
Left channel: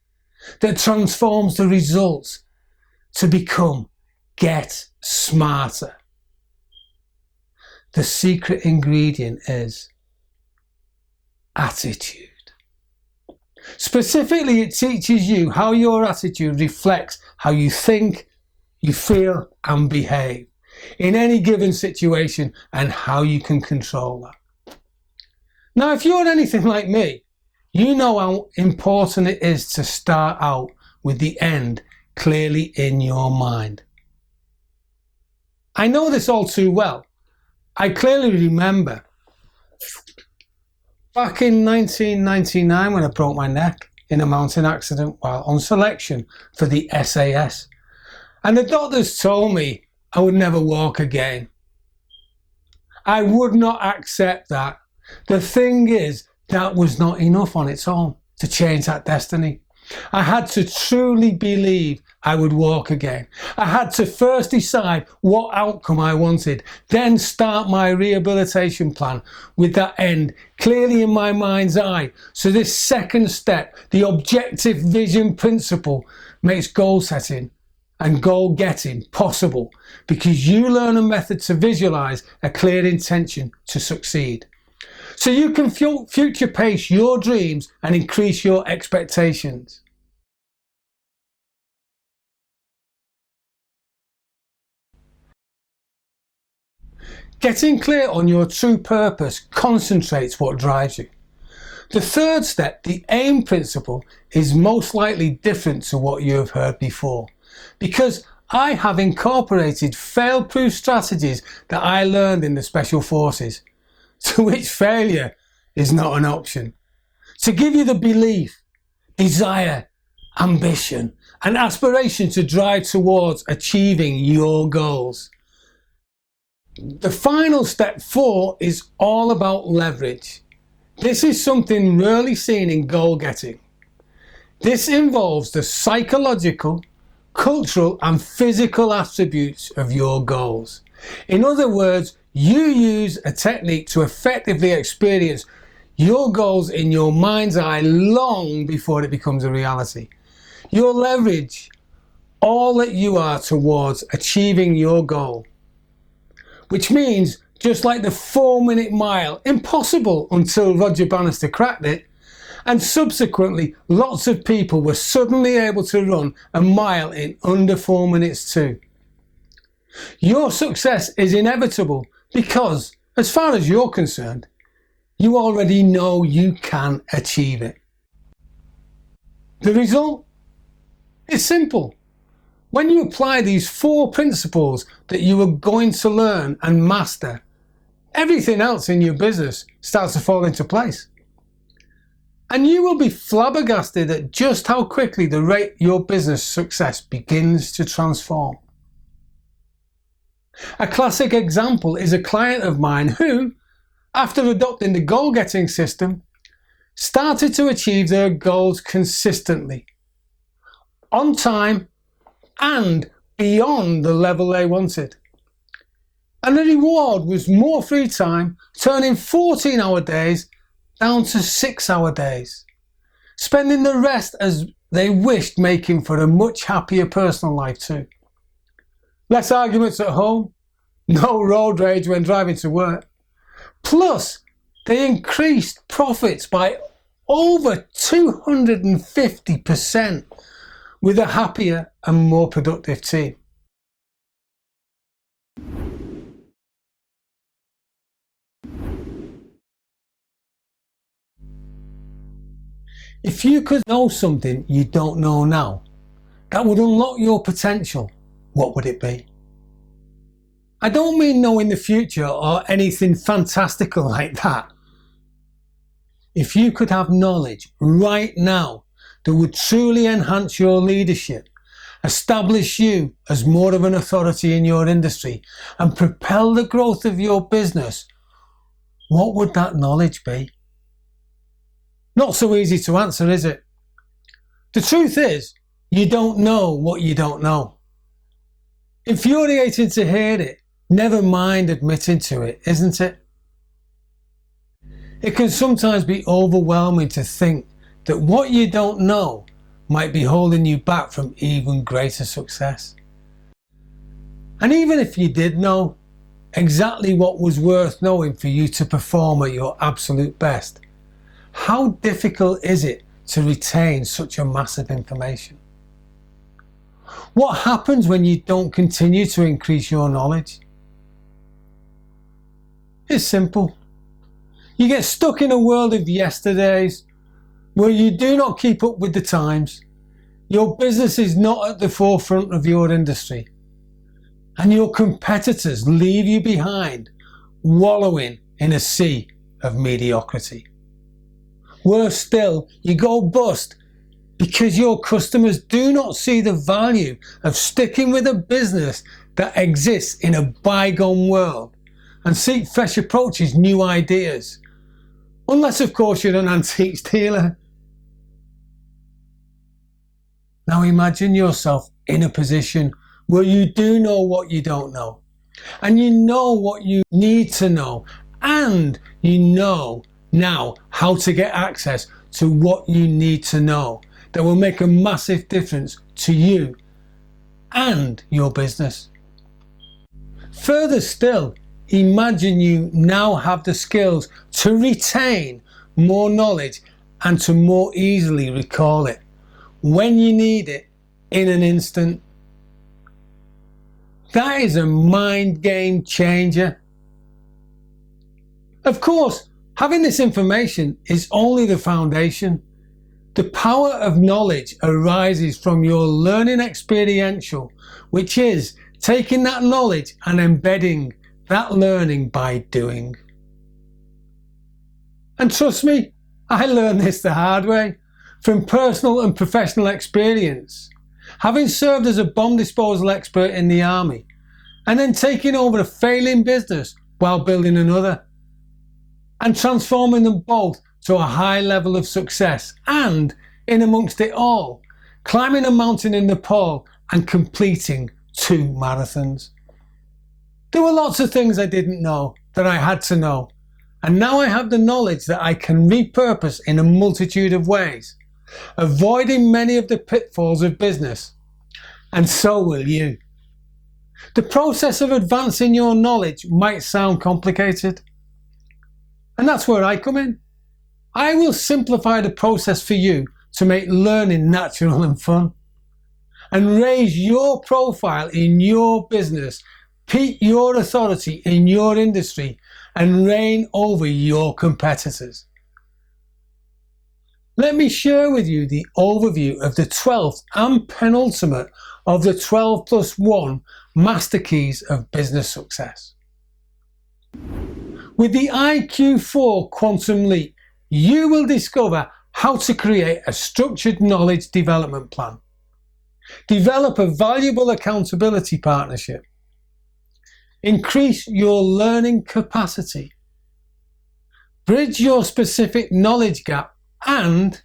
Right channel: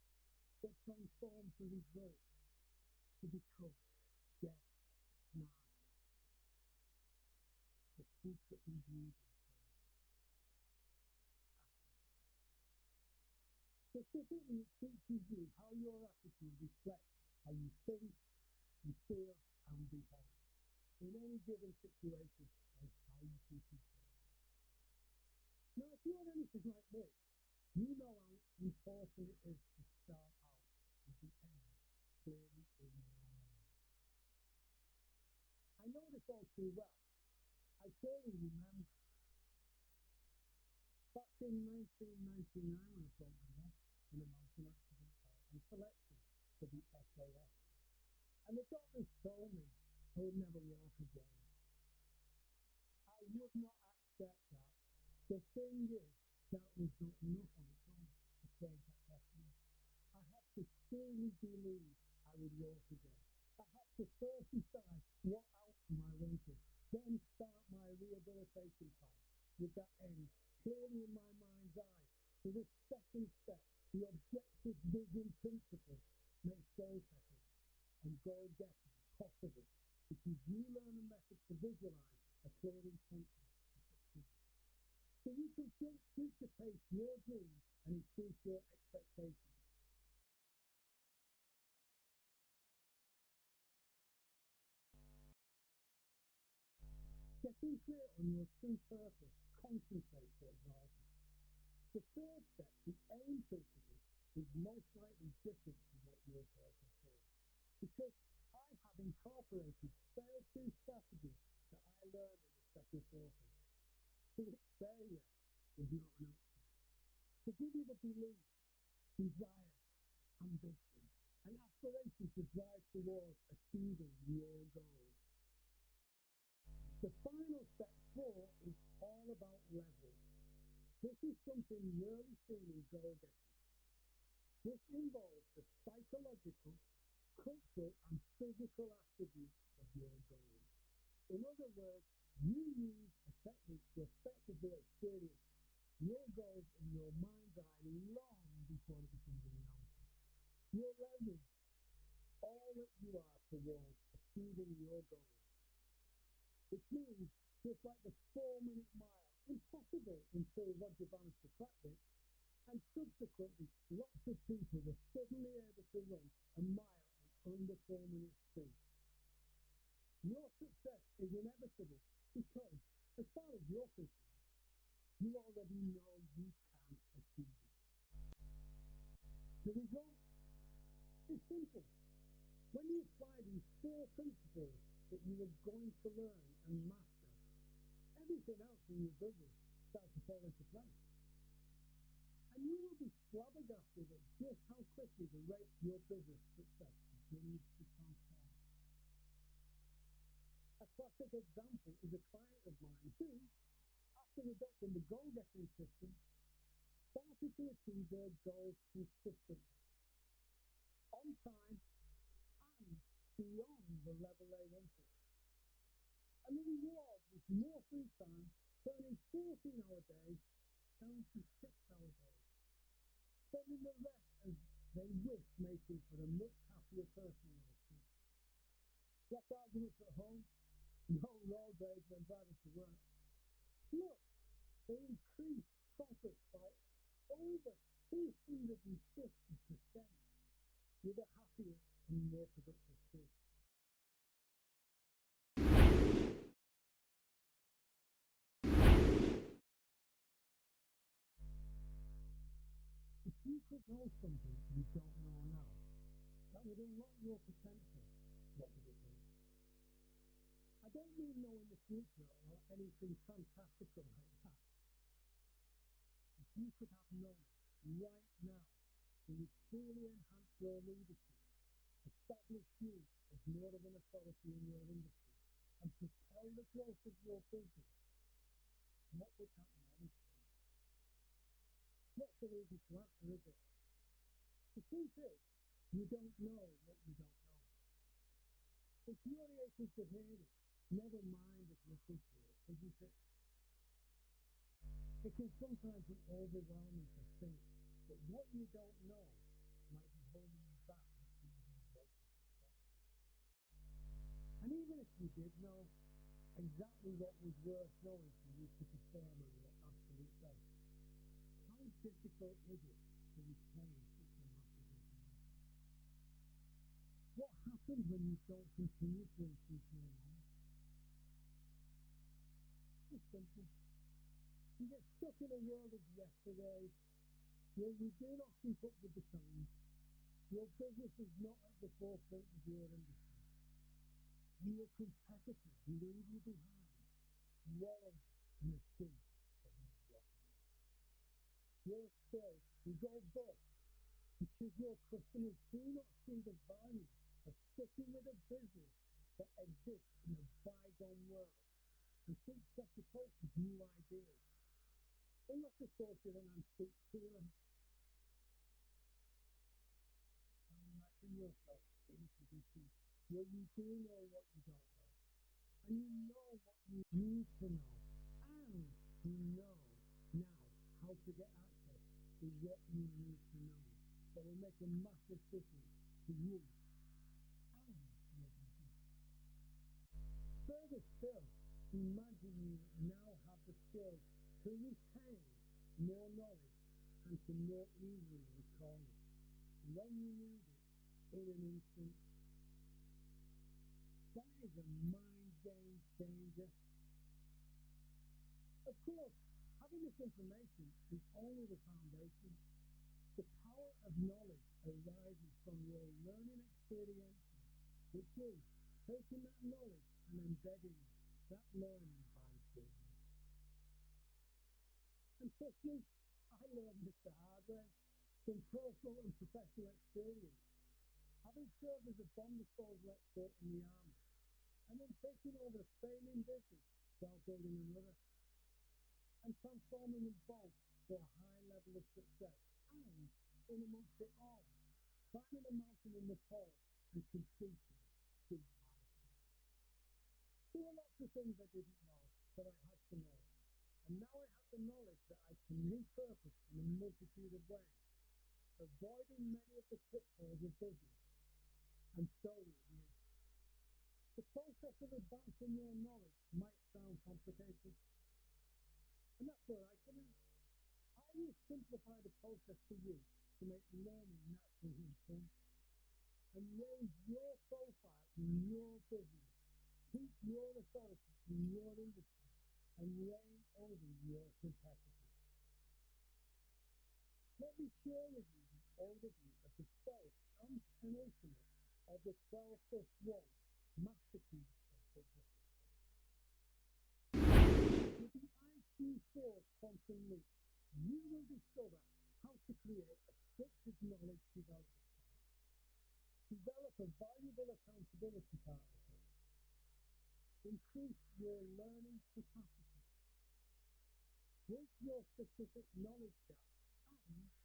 that transforms the results to become get smarter. The secret ingredient is attitude. Specifically, it teaches you how your attitude reflects how you think, you feel and behave in any given situation, and how you can control that. Now, if you're anything like me, you know how important it is to start out with the end clearly in your mind. I know this all too well. I clearly remember Back in 1999, when I broke my neck in a mountain accident while on selection for the SAS, and the doctors told me I would never walk again. I would not accept that. The thing is, that was not enough on its own to change that destiny. I had to truly believe I would walk again. I had to first decide what outcome I wanted, then start my rehabilitation plan with that end clearly in my mind's eye. So this second step, the objective vision principle, makes goal setting and goal getting possible because you learn a method to visualize a clear intention to succeed. So you can future pace your dreams and increase your expectations. Getting clear on your true purpose concentrates what drives you. The third step, the aim principle, is most likely different to what you have heard before, because I have incorporated fail-proof strategies that I learned in the Special Forces, to which failure is not an option, to give you the belief, desire, ambition, and aspiration to drive towards achieving your goals. The final step 4 is all about leverage. This is something rarely seen in goal getting. This involves the psychological, cultural and physical attributes of your goals. In other words, you use a technique to effectively experience your goals in your mind's eye long before it becomes a reality. You'll leverage all that you are towards achieving your goal, which means just like the 4-minute mile, impossible until Roger Bannister cracked it, and subsequently lots of people were suddenly able to run a mile in under 4 minutes too. Your success is inevitable because, as far as you're concerned, you already know you can achieve it. The result is simple. When you apply these 4 principles that you are going to learn and master, everything else in your business starts to fall into place. And you will be flabbergasted at just how quickly the rate your business success begins to transform. A classic example is a client of mine who, after adopting the goal-getting system, started to achieve their goals consistently, on time, and beyond the level they wanted. And the reward was more free time, turning 14-hour days down to 6-hour days, spending the rest as they wished, making for a much happier personal life too. Less arguments at home, no road rage when driving to work. Plus, they increased profits by over 250% with a happier and more productive team. If you could know something you don't know now, that would unlock your potential, what would it be? I don't mean knowing the future or anything fantastical like that. If you could have knowledge right now that would truly enhance your leadership, establish you as more of an authority in your industry, and propel the growth of your business, what would that knowledge be? Not so easy to answer, is it? The truth is, you don't know what you don't know. Infuriating to hear it, never mind admitting to it, isn't it? It can sometimes be overwhelming to think that what you don't know might be holding you back from even greater success. And even if you did know exactly what was worth knowing for you to perform at your absolute best, how difficult is it to retain such a massive information? What happens when you don't continue to increase your knowledge? It's simple. You get stuck in a world of yesterdays where you do not keep up with the times, your business is not at the forefront of your industry, and your competitors leave you behind, wallowing in a sea of mediocrity. Worse still, you go bust because your customers do not see the value of sticking with a business that exists in a bygone world and seek fresh approaches, new ideas. Unless, of course, you're an antiques dealer. Now imagine yourself in a position where you do know what you don't know, and you know what you need to know, and you know now how to get access to what you need to know that will make a massive difference to you and your business. Further still, imagine you now have the skills to retain more knowledge and to more easily recall it when you need it in an instant. That is a mind game changer. Of course, having this information is only the foundation. The power of knowledge arises from your learning experiential, which is taking that knowledge and embedding that learning by doing. And trust me, I learned this the hard way from personal and professional experience. Having served as a bomb disposal expert in the army and then taking over a failing business while building another and transforming them both to a high level of success, and in amongst it all, climbing a mountain in Nepal and completing 2 marathons. There were lots of things I didn't know that I had to know, and now I have the knowledge that I can repurpose in a multitude of ways, avoiding many of the pitfalls of business, and so will you. The process of advancing your knowledge might sound complicated, and that's where I come in. I will simplify the process for you to make learning natural and fun, and raise your profile in your business, peak your authority in your industry, and reign over your competitors. Let me share with you the overview of the 12th and penultimate of the 12+1 master keys of business success. With the IQ4 Quantum Leap, you will discover how to create a structured knowledge development plan, develop a valuable accountability partnership, increase your learning capacity, bridge your specific knowledge gap, and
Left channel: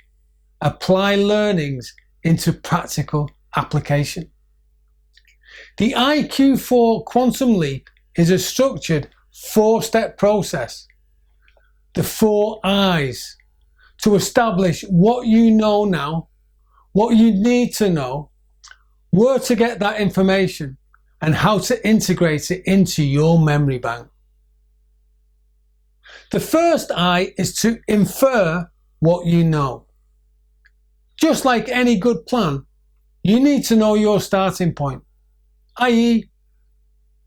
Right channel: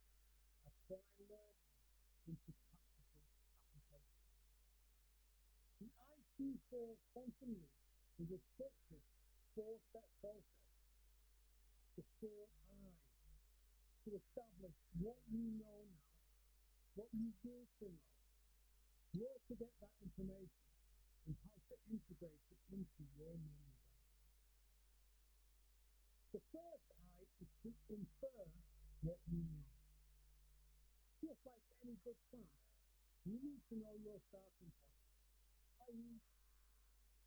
apply learnings into practical application. The IQ4 Quantum Leap is a structured 4-step process, the 4 I's, to establish what you know now, what you need to know, where to get that information, and how to integrate it into your memory bank. The first I is to infer what you know. Just like any good plan, you need to know your starting point, i.e.,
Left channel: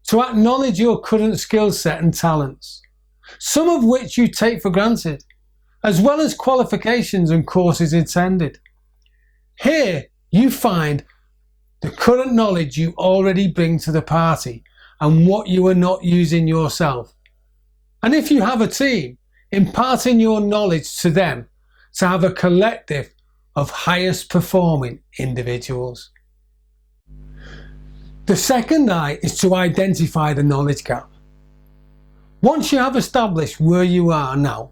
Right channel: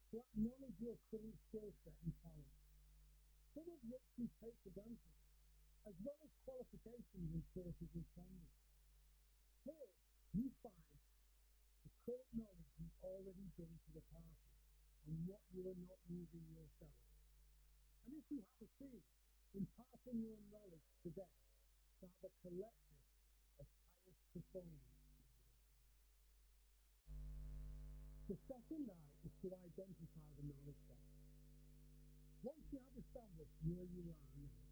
to acknowledge your current skill set and talents, some of which you take for granted, as well as qualifications and courses attended. Here you find the current knowledge you already bring to the party and what you are not using yourself. And if you have a team, imparting your knowledge to them to have a collective of highest performing individuals. The second I is to identify the knowledge gap. Once you have established where you are now,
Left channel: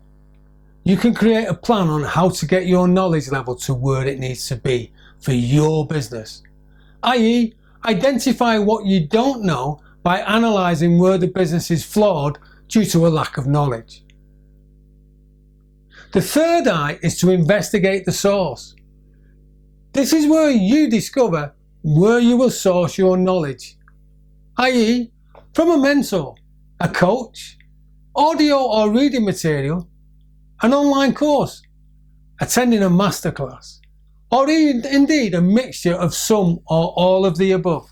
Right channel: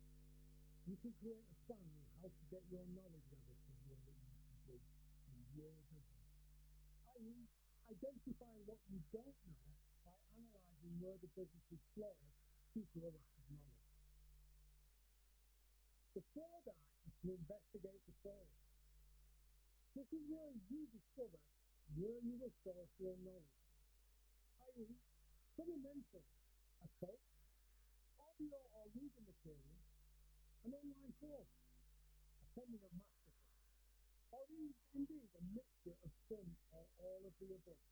you can create a plan on how to get your knowledge level to where it needs to be for your business, i.e., identify what you don't know by analysing where the business is flawed due to a lack of knowledge. The third I is to investigate the source. This is where you discover where you will source your knowledge, i.e., from a mentor, a coach, audio or reading material, an online course, attending a masterclass, or indeed a mixture of some or all of the above.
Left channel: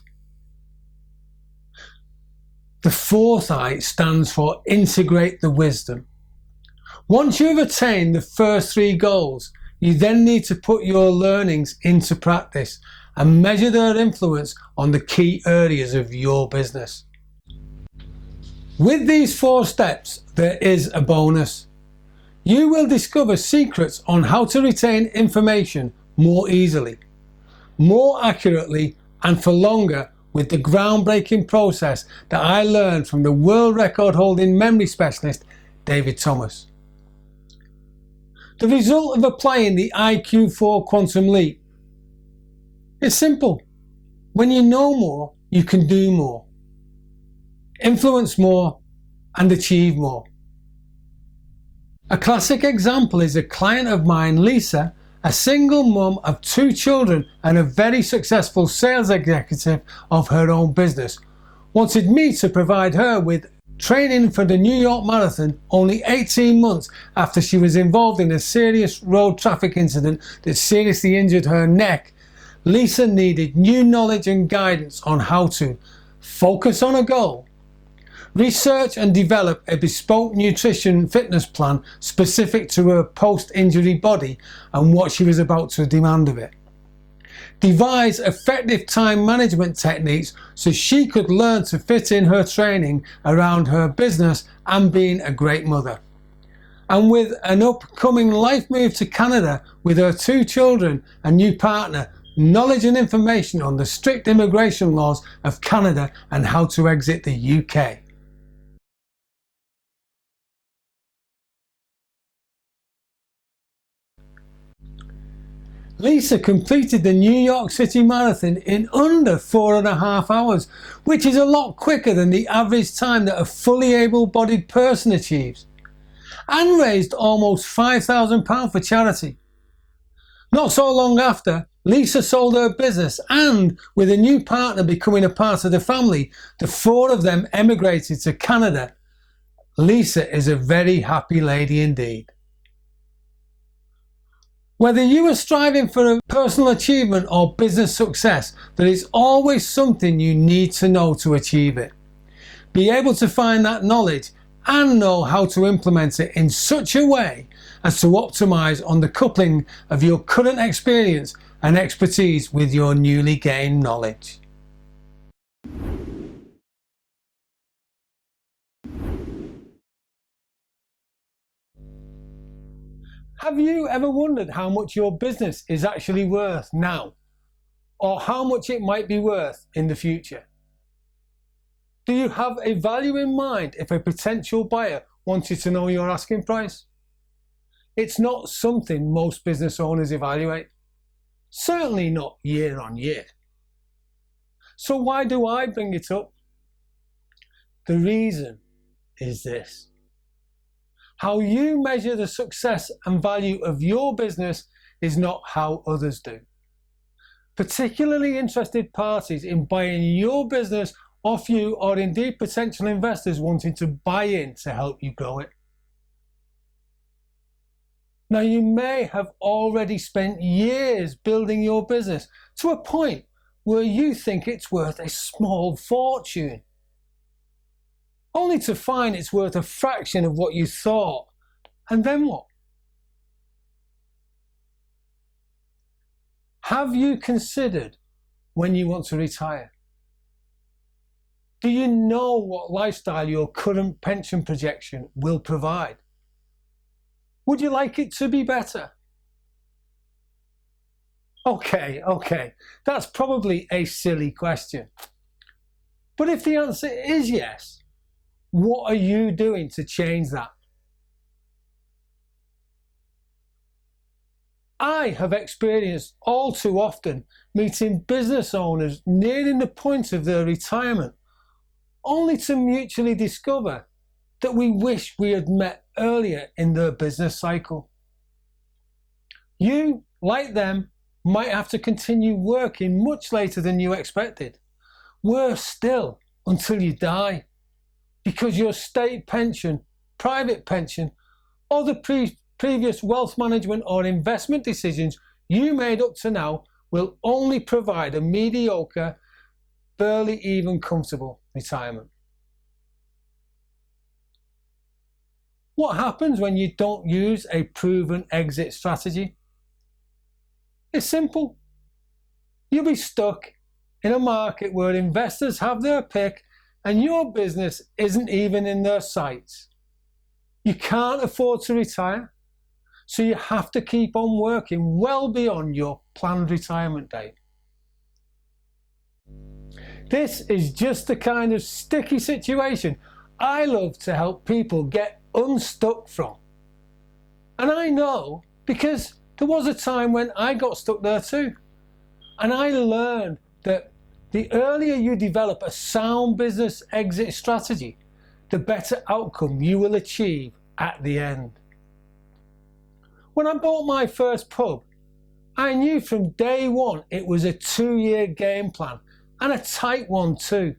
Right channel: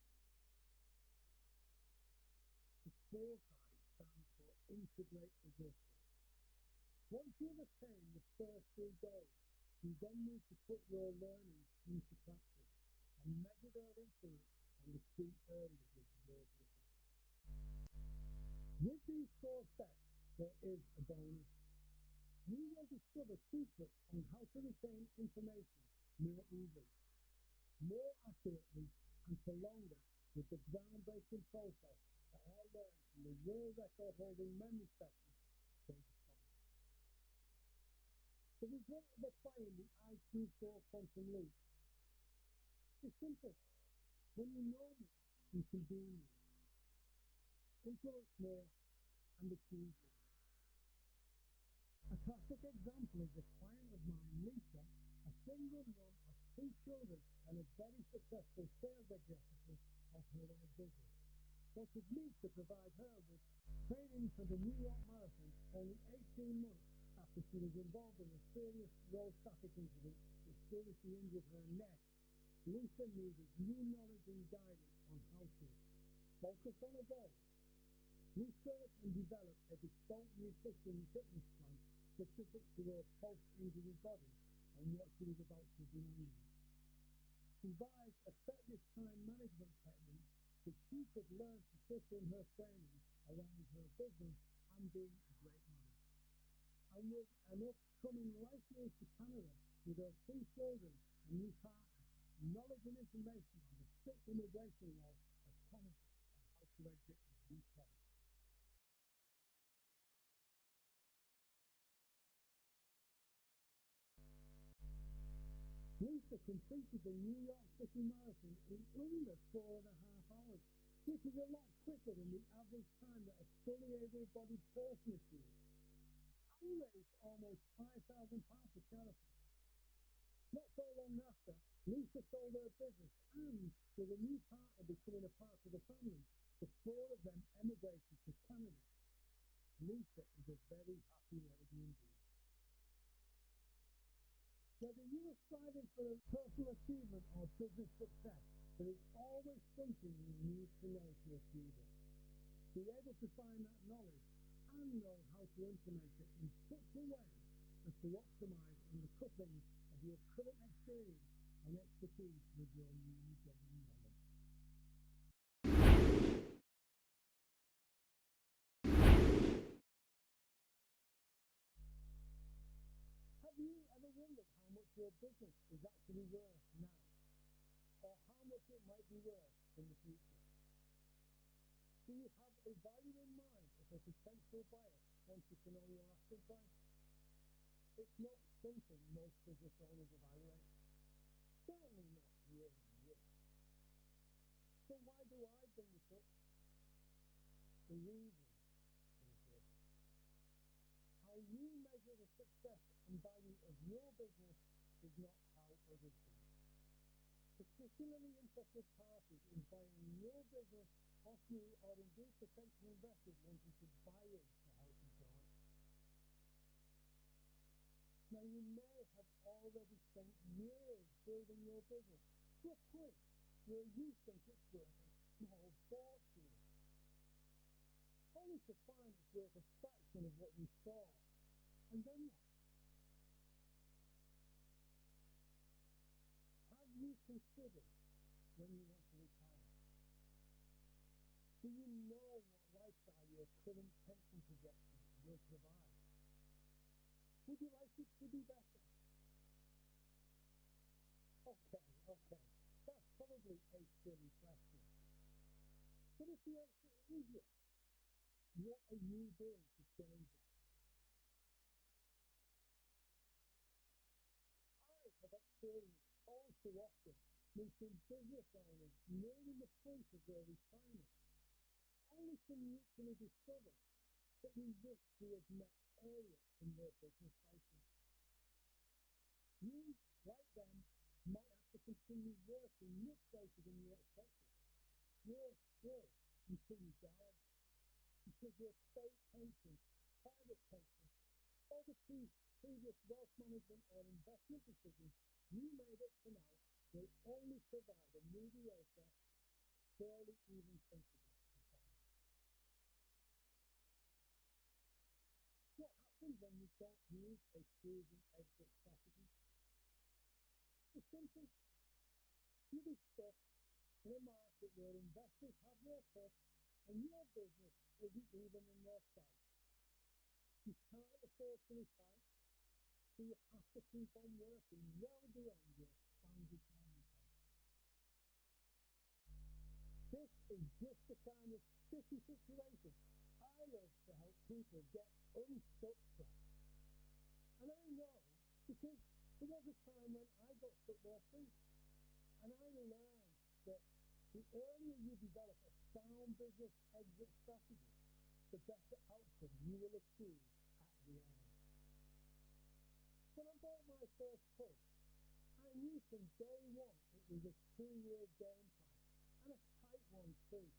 The fourth I stands for integrate the wisdom. Once you've attained the first 3 goals, you then need to put your learnings into practice and measure their influence on the key areas of your business. With these 4 steps, there is a bonus. You will discover secrets on how to retain information more easily, more accurately, and for longer with the groundbreaking process that I learned from the world record holding memory specialist David Thomas. The result of applying the IQ4 quantum leap is simple. When you know more, you can do more, influence more, and achieve more. A classic example is a client of mine, Lisa, a single mum of 2 children and a very successful sales executive of her own business, wanted me to provide her with training for the New York Marathon only 18 months after she was involved in a serious road traffic incident that seriously injured her neck. Lisa needed new knowledge and guidance on how to focus on a goal, research and develop a bespoke nutrition fitness plan specific to her post-injury body and what she was about to demand of it, devise effective time management techniques so she could learn to fit in her training around her business and being a great mother. And with an upcoming life move to Canada with her 2 children and new partner, knowledge and information on the strict immigration laws of Canada and how to exit the UK. Lisa completed the New York City Marathon in under 4.5 hours, which is a lot quicker than the average time that a fully able-bodied person achieves, and raised almost £5,000 for charity. Not so long after, Lisa sold her business and, with a new partner becoming a part of the family, the 4 of them emigrated to Canada. Lisa is a very happy lady indeed. Whether you are striving for a personal achievement or business success, there is always something you need to know to achieve it. Be able to find that knowledge and know how to implement it in such a way as to optimize on the coupling of your current experience and expertise with your newly gained knowledge. Have you ever wondered how much your business is actually worth now, or how much it might be worth in the future? Do you have a value in mind if a potential buyer wanted to know your asking price? It's not something most business owners evaluate, certainly not year on year. So why do I bring it up? The reason is this. How you measure the success and value of your business is not how others do. Particularly interested parties in buying your business off you, or indeed potential investors wanting to buy in to help you grow it. Now, you may have already spent years building your business to a point where you think it's worth a small fortune, only to find it's worth a fraction of what you thought. And then what? Have you considered when you want to retire? Do you know what lifestyle your current pension projection will provide? Would you like it to be better? Okay, that's probably a silly question. But if the answer is yes, what are you doing to change that? I have experienced all too often meeting business owners nearing the point of their retirement, only to mutually discover that we wish we had met earlier in their business cycle. You, like them, might have to continue working much later than you expected. Worse still, until you die, because your state pension, private pension, or the previous wealth management or investment decisions you made up to now will only provide a mediocre, barely even comfortable retirement. What happens when you don't use a proven exit strategy? It's simple. You'll be stuck in a market where investors have their pick and your business isn't even in their sights. You can't afford to retire, so you have to keep on working well beyond your planned retirement date. This is just the kind of sticky situation I love to help people get unstuck from. And I know because there was a time when I got stuck there too. And I learned that the earlier you develop a sound business exit strategy, the better outcome you will achieve at the end. When I bought my first pub, I knew from day one it was a 2-year game plan, and a tight one too,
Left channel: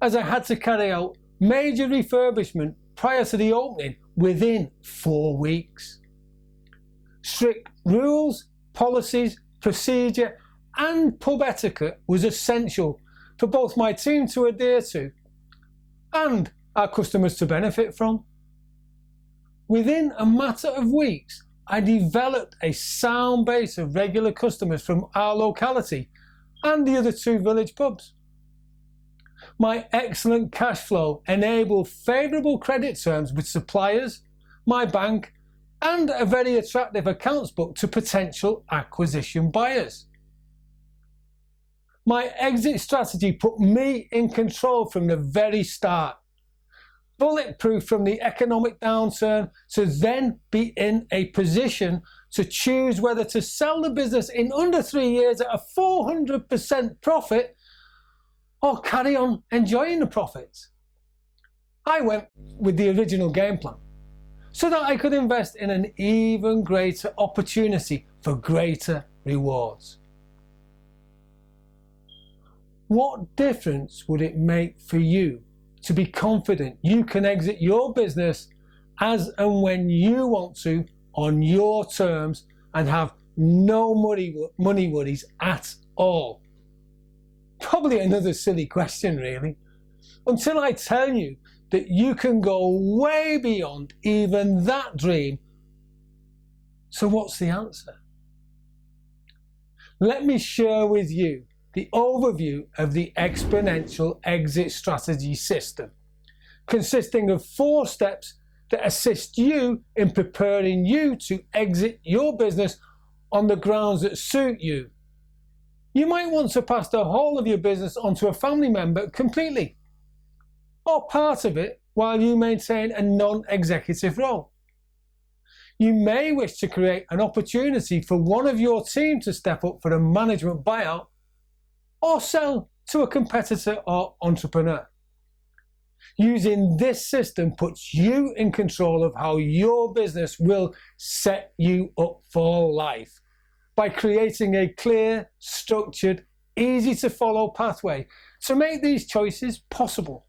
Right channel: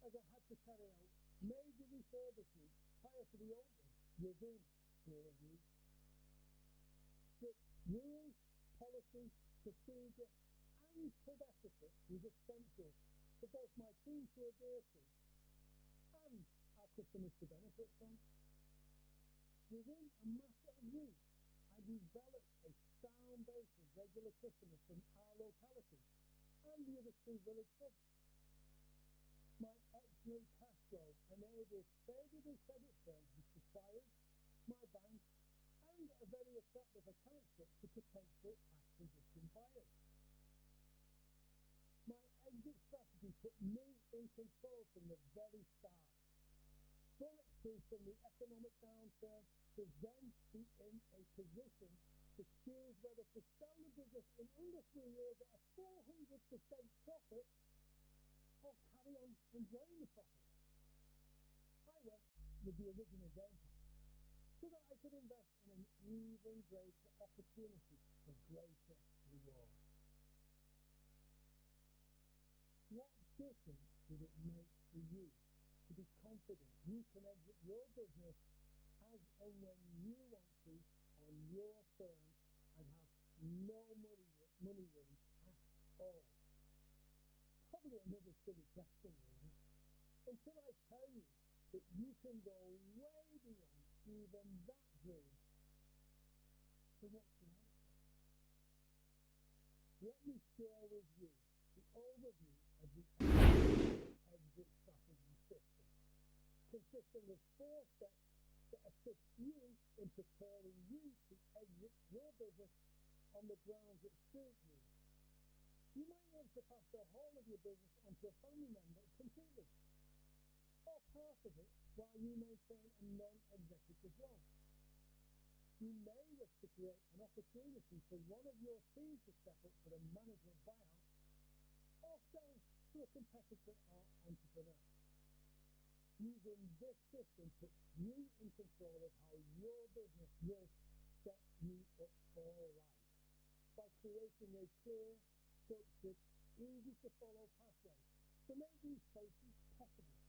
as I had to carry out major refurbishment prior to the opening within 4 weeks. Strict rules, policies, procedure and pub etiquette was essential for both my team to adhere to and our customers to benefit from. Within a matter of weeks, I developed a sound base of regular customers from our locality and the other 2 village pubs. My excellent cash flow enabled favourable credit terms with suppliers, my bank, and a very attractive accounts book to potential acquisition buyers. My exit strategy put me in control from the very start, bulletproof from the economic downturn, to then be in a position to choose whether to sell the business in under 3 years at a 400% profit or carry on enjoying the profits. I went with the original game plan so that I could invest in an even greater opportunity for greater rewards. What difference would it make for you to be confident you can exit your business as and when you want to on your terms and have no money worries at all? Probably another silly question really, until I tell you that you can go way beyond even that dream. So what's the answer? Let me share with you the overview of the exponential exit strategy system, consisting of 4 steps that assist you in preparing you to exit your business on the grounds that suit you. You might want to pass the whole of your business onto a family member completely, or part of it while you maintain a non-executive role. You may wish to create an opportunity for one of your team to step up for a management buyout, or sell to a competitor or entrepreneur. Using this system puts you in control of how your business will set you up for life by creating a clear, structured, easy to follow pathway to make these choices possible,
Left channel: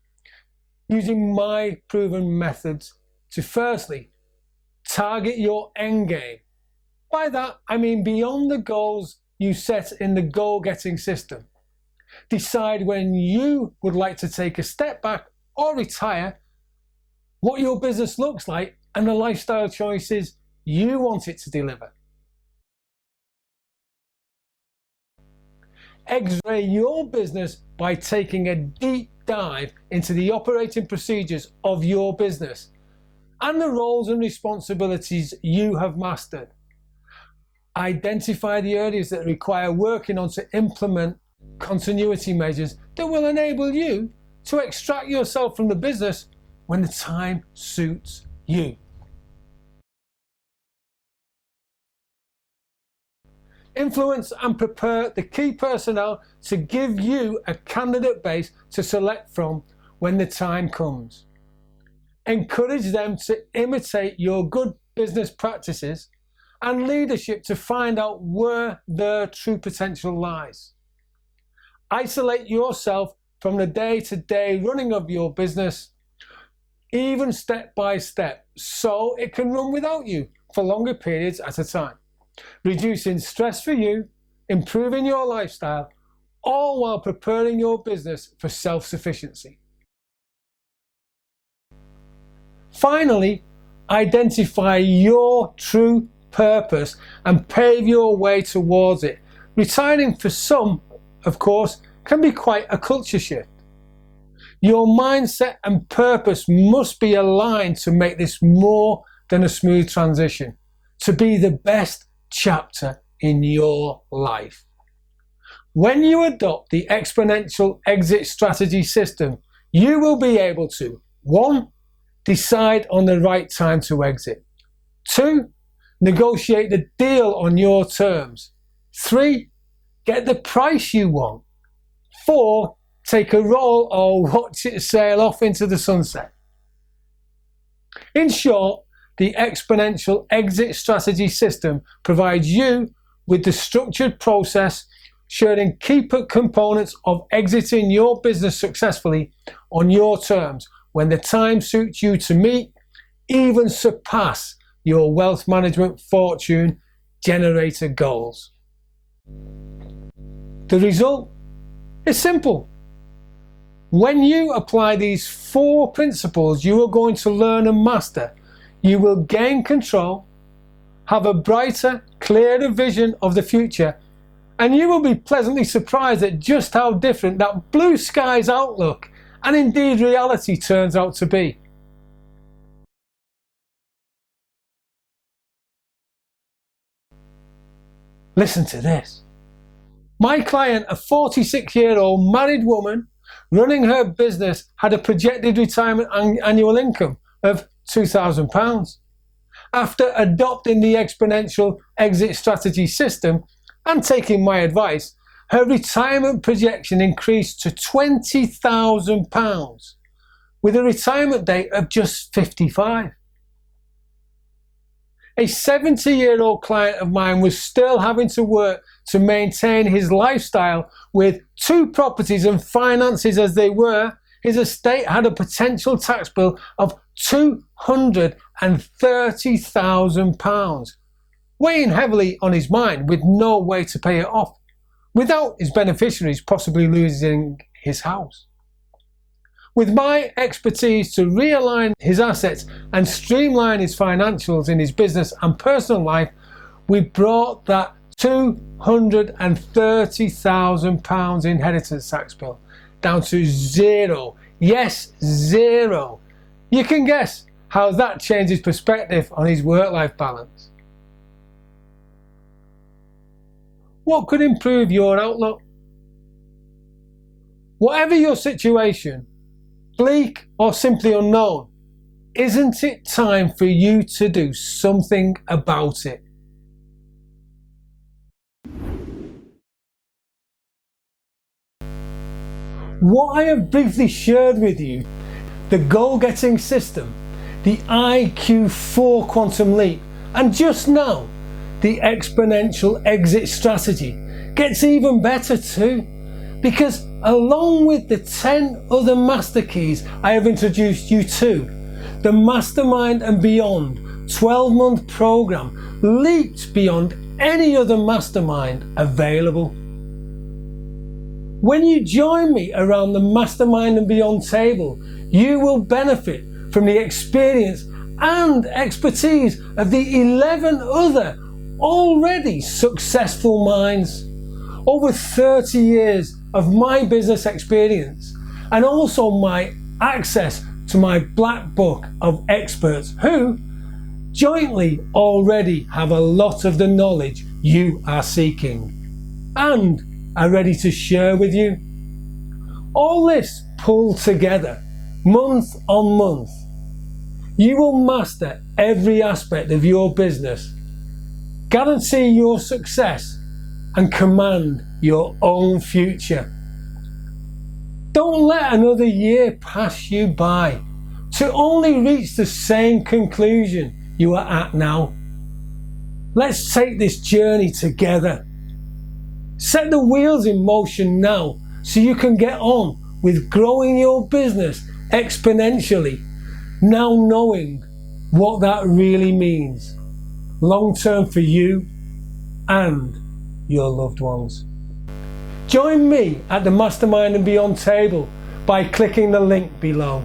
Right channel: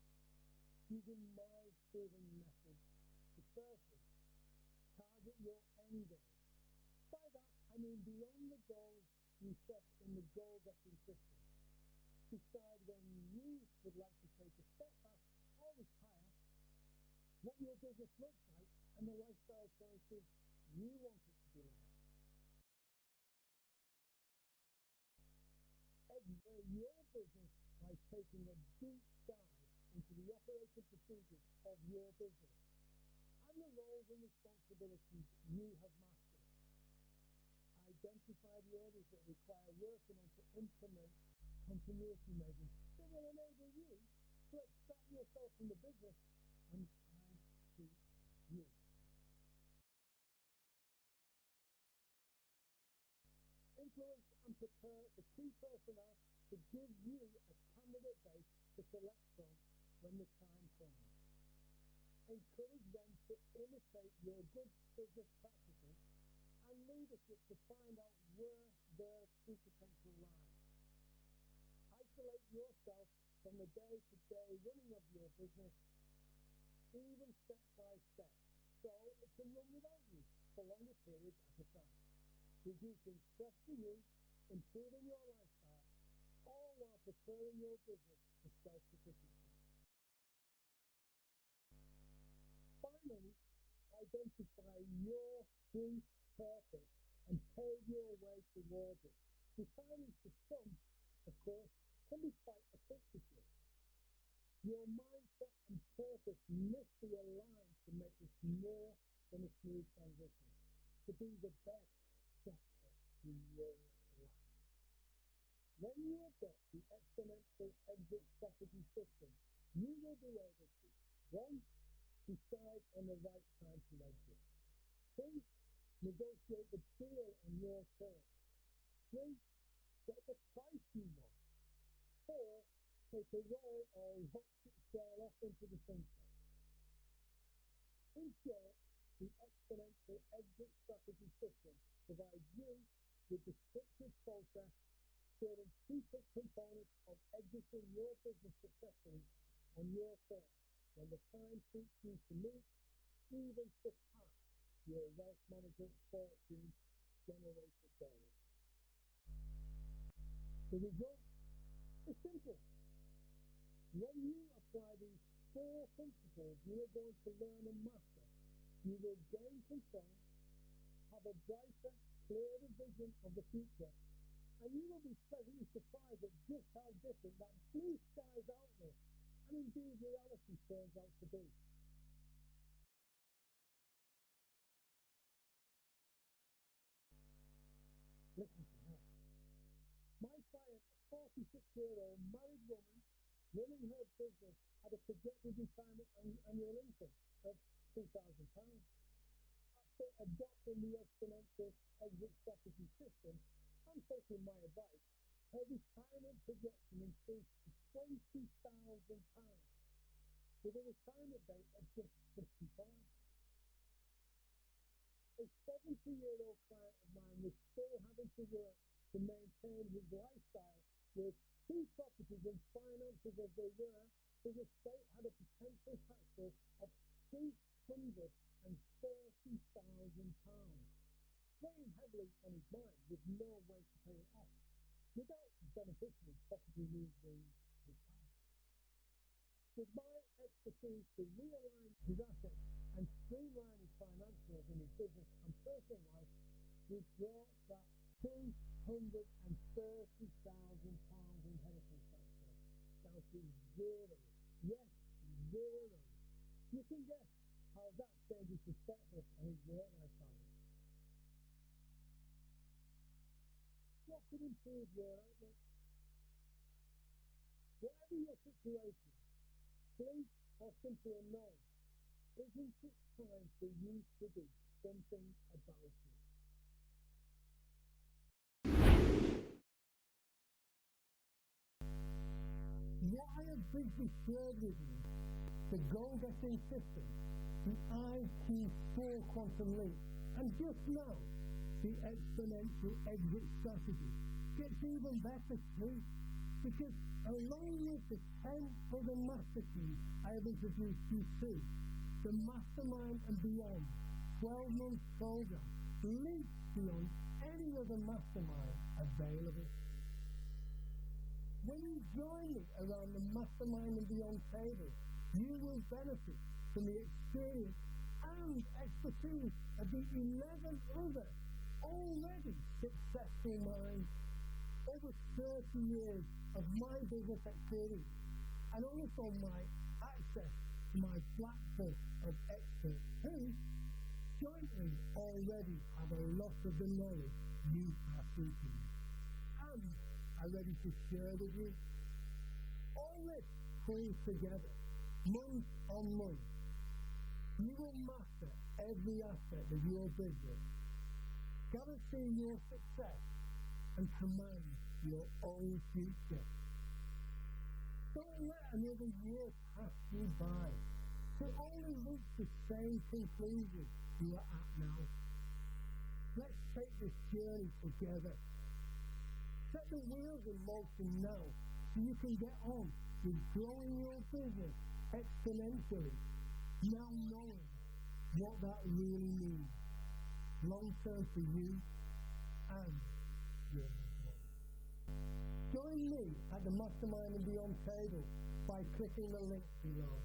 using my proven methods to firstly target your end game. By that I mean beyond the goals you set in the goal-getting system. Decide when you would like to take a step back or retire, what your business looks like, and the lifestyle choices you want it to deliver. X-ray your business by taking a deep dive into the operating procedures of your business and the roles and responsibilities you have mastered. Identify the areas that require working on to implement continuity measures that will enable you to extract yourself from the business when the time suits you. Influence and prepare the key personnel to give you a candidate base to select from when the time comes. Encourage them to imitate your good business practices and leadership to find out where their true potential lies. Isolate yourself from the day-to-day running of your business, even step by step, so it can run without you for longer periods at a time, reducing stress for you, improving your lifestyle, all while preparing your business for self-sufficiency. Finally, identify your true purpose and pave your way towards it. Retiring for some, of course, can be quite a culture shift. Your mindset and purpose must be aligned to make this more than a smooth transition, to be the best chapter in your life. When you adopt the exponential exit strategy system, you will be able to 1. Decide on the right time to exit. 2. Negotiate the deal on your terms. 3. Get the price you want. 4. Take a roll or watch it sail off into the sunset. In short, the exponential exit strategy system provides you with the structured process sharing key components of exiting your business successfully on your terms when the time suits you to meet, even surpass your wealth management fortune generator goals. The result is simple. When you apply these 4 principles you are going to learn and master, you will gain control, have a brighter, clearer vision of the future, and you will be pleasantly surprised at just how different that blue skies outlook and indeed reality turns out to be. Listen to this. My client, a 46-year-old married woman running her business, had a projected retirement annual income of £2,000. After adopting the exponential exit strategy system and taking my advice, her retirement projection increased to £20,000 with a retirement date of just 55. A 70-year-old client of mine was still having to work to maintain his lifestyle with 2 properties and finances as they were. His estate had a potential tax bill of £230,000, weighing heavily on his mind with no way to pay it off, without his beneficiaries possibly losing his house. With my expertise to realign his assets and streamline his financials in his business and personal life, we brought that £230,000 inheritance tax bill down to 0. Yes, 0. You can guess how that changes perspective on his work-life balance. What could improve your outlook? Whatever your situation, bleak or simply unknown, isn't it time for you to do something about it? What I have briefly shared with you, the goal-getting system, the IQ4 quantum leap, and just now, the exponential exit strategy, gets even better too, because along with the 10 other master keys I have introduced you to, the Mastermind and Beyond 12-month program leaps beyond any other mastermind available. When you join me around the Mastermind and Beyond table, you will benefit from the experience and expertise of the 11 other already successful minds. Over 30 years of my business experience, and also my access to my black book of experts who jointly already have a lot of the knowledge you are seeking and are ready to share with you. All this pulled together, month on month, you will master every aspect of your business, guarantee your success, and command your own future. Don't let another year pass you by to only reach the same conclusion you are at now. Let's take this journey together. Set the wheels in motion now so you can get on with growing your business exponentially, now knowing what that really means long term for you and your loved ones. Join me at the Mastermind and Beyond table by clicking the link below.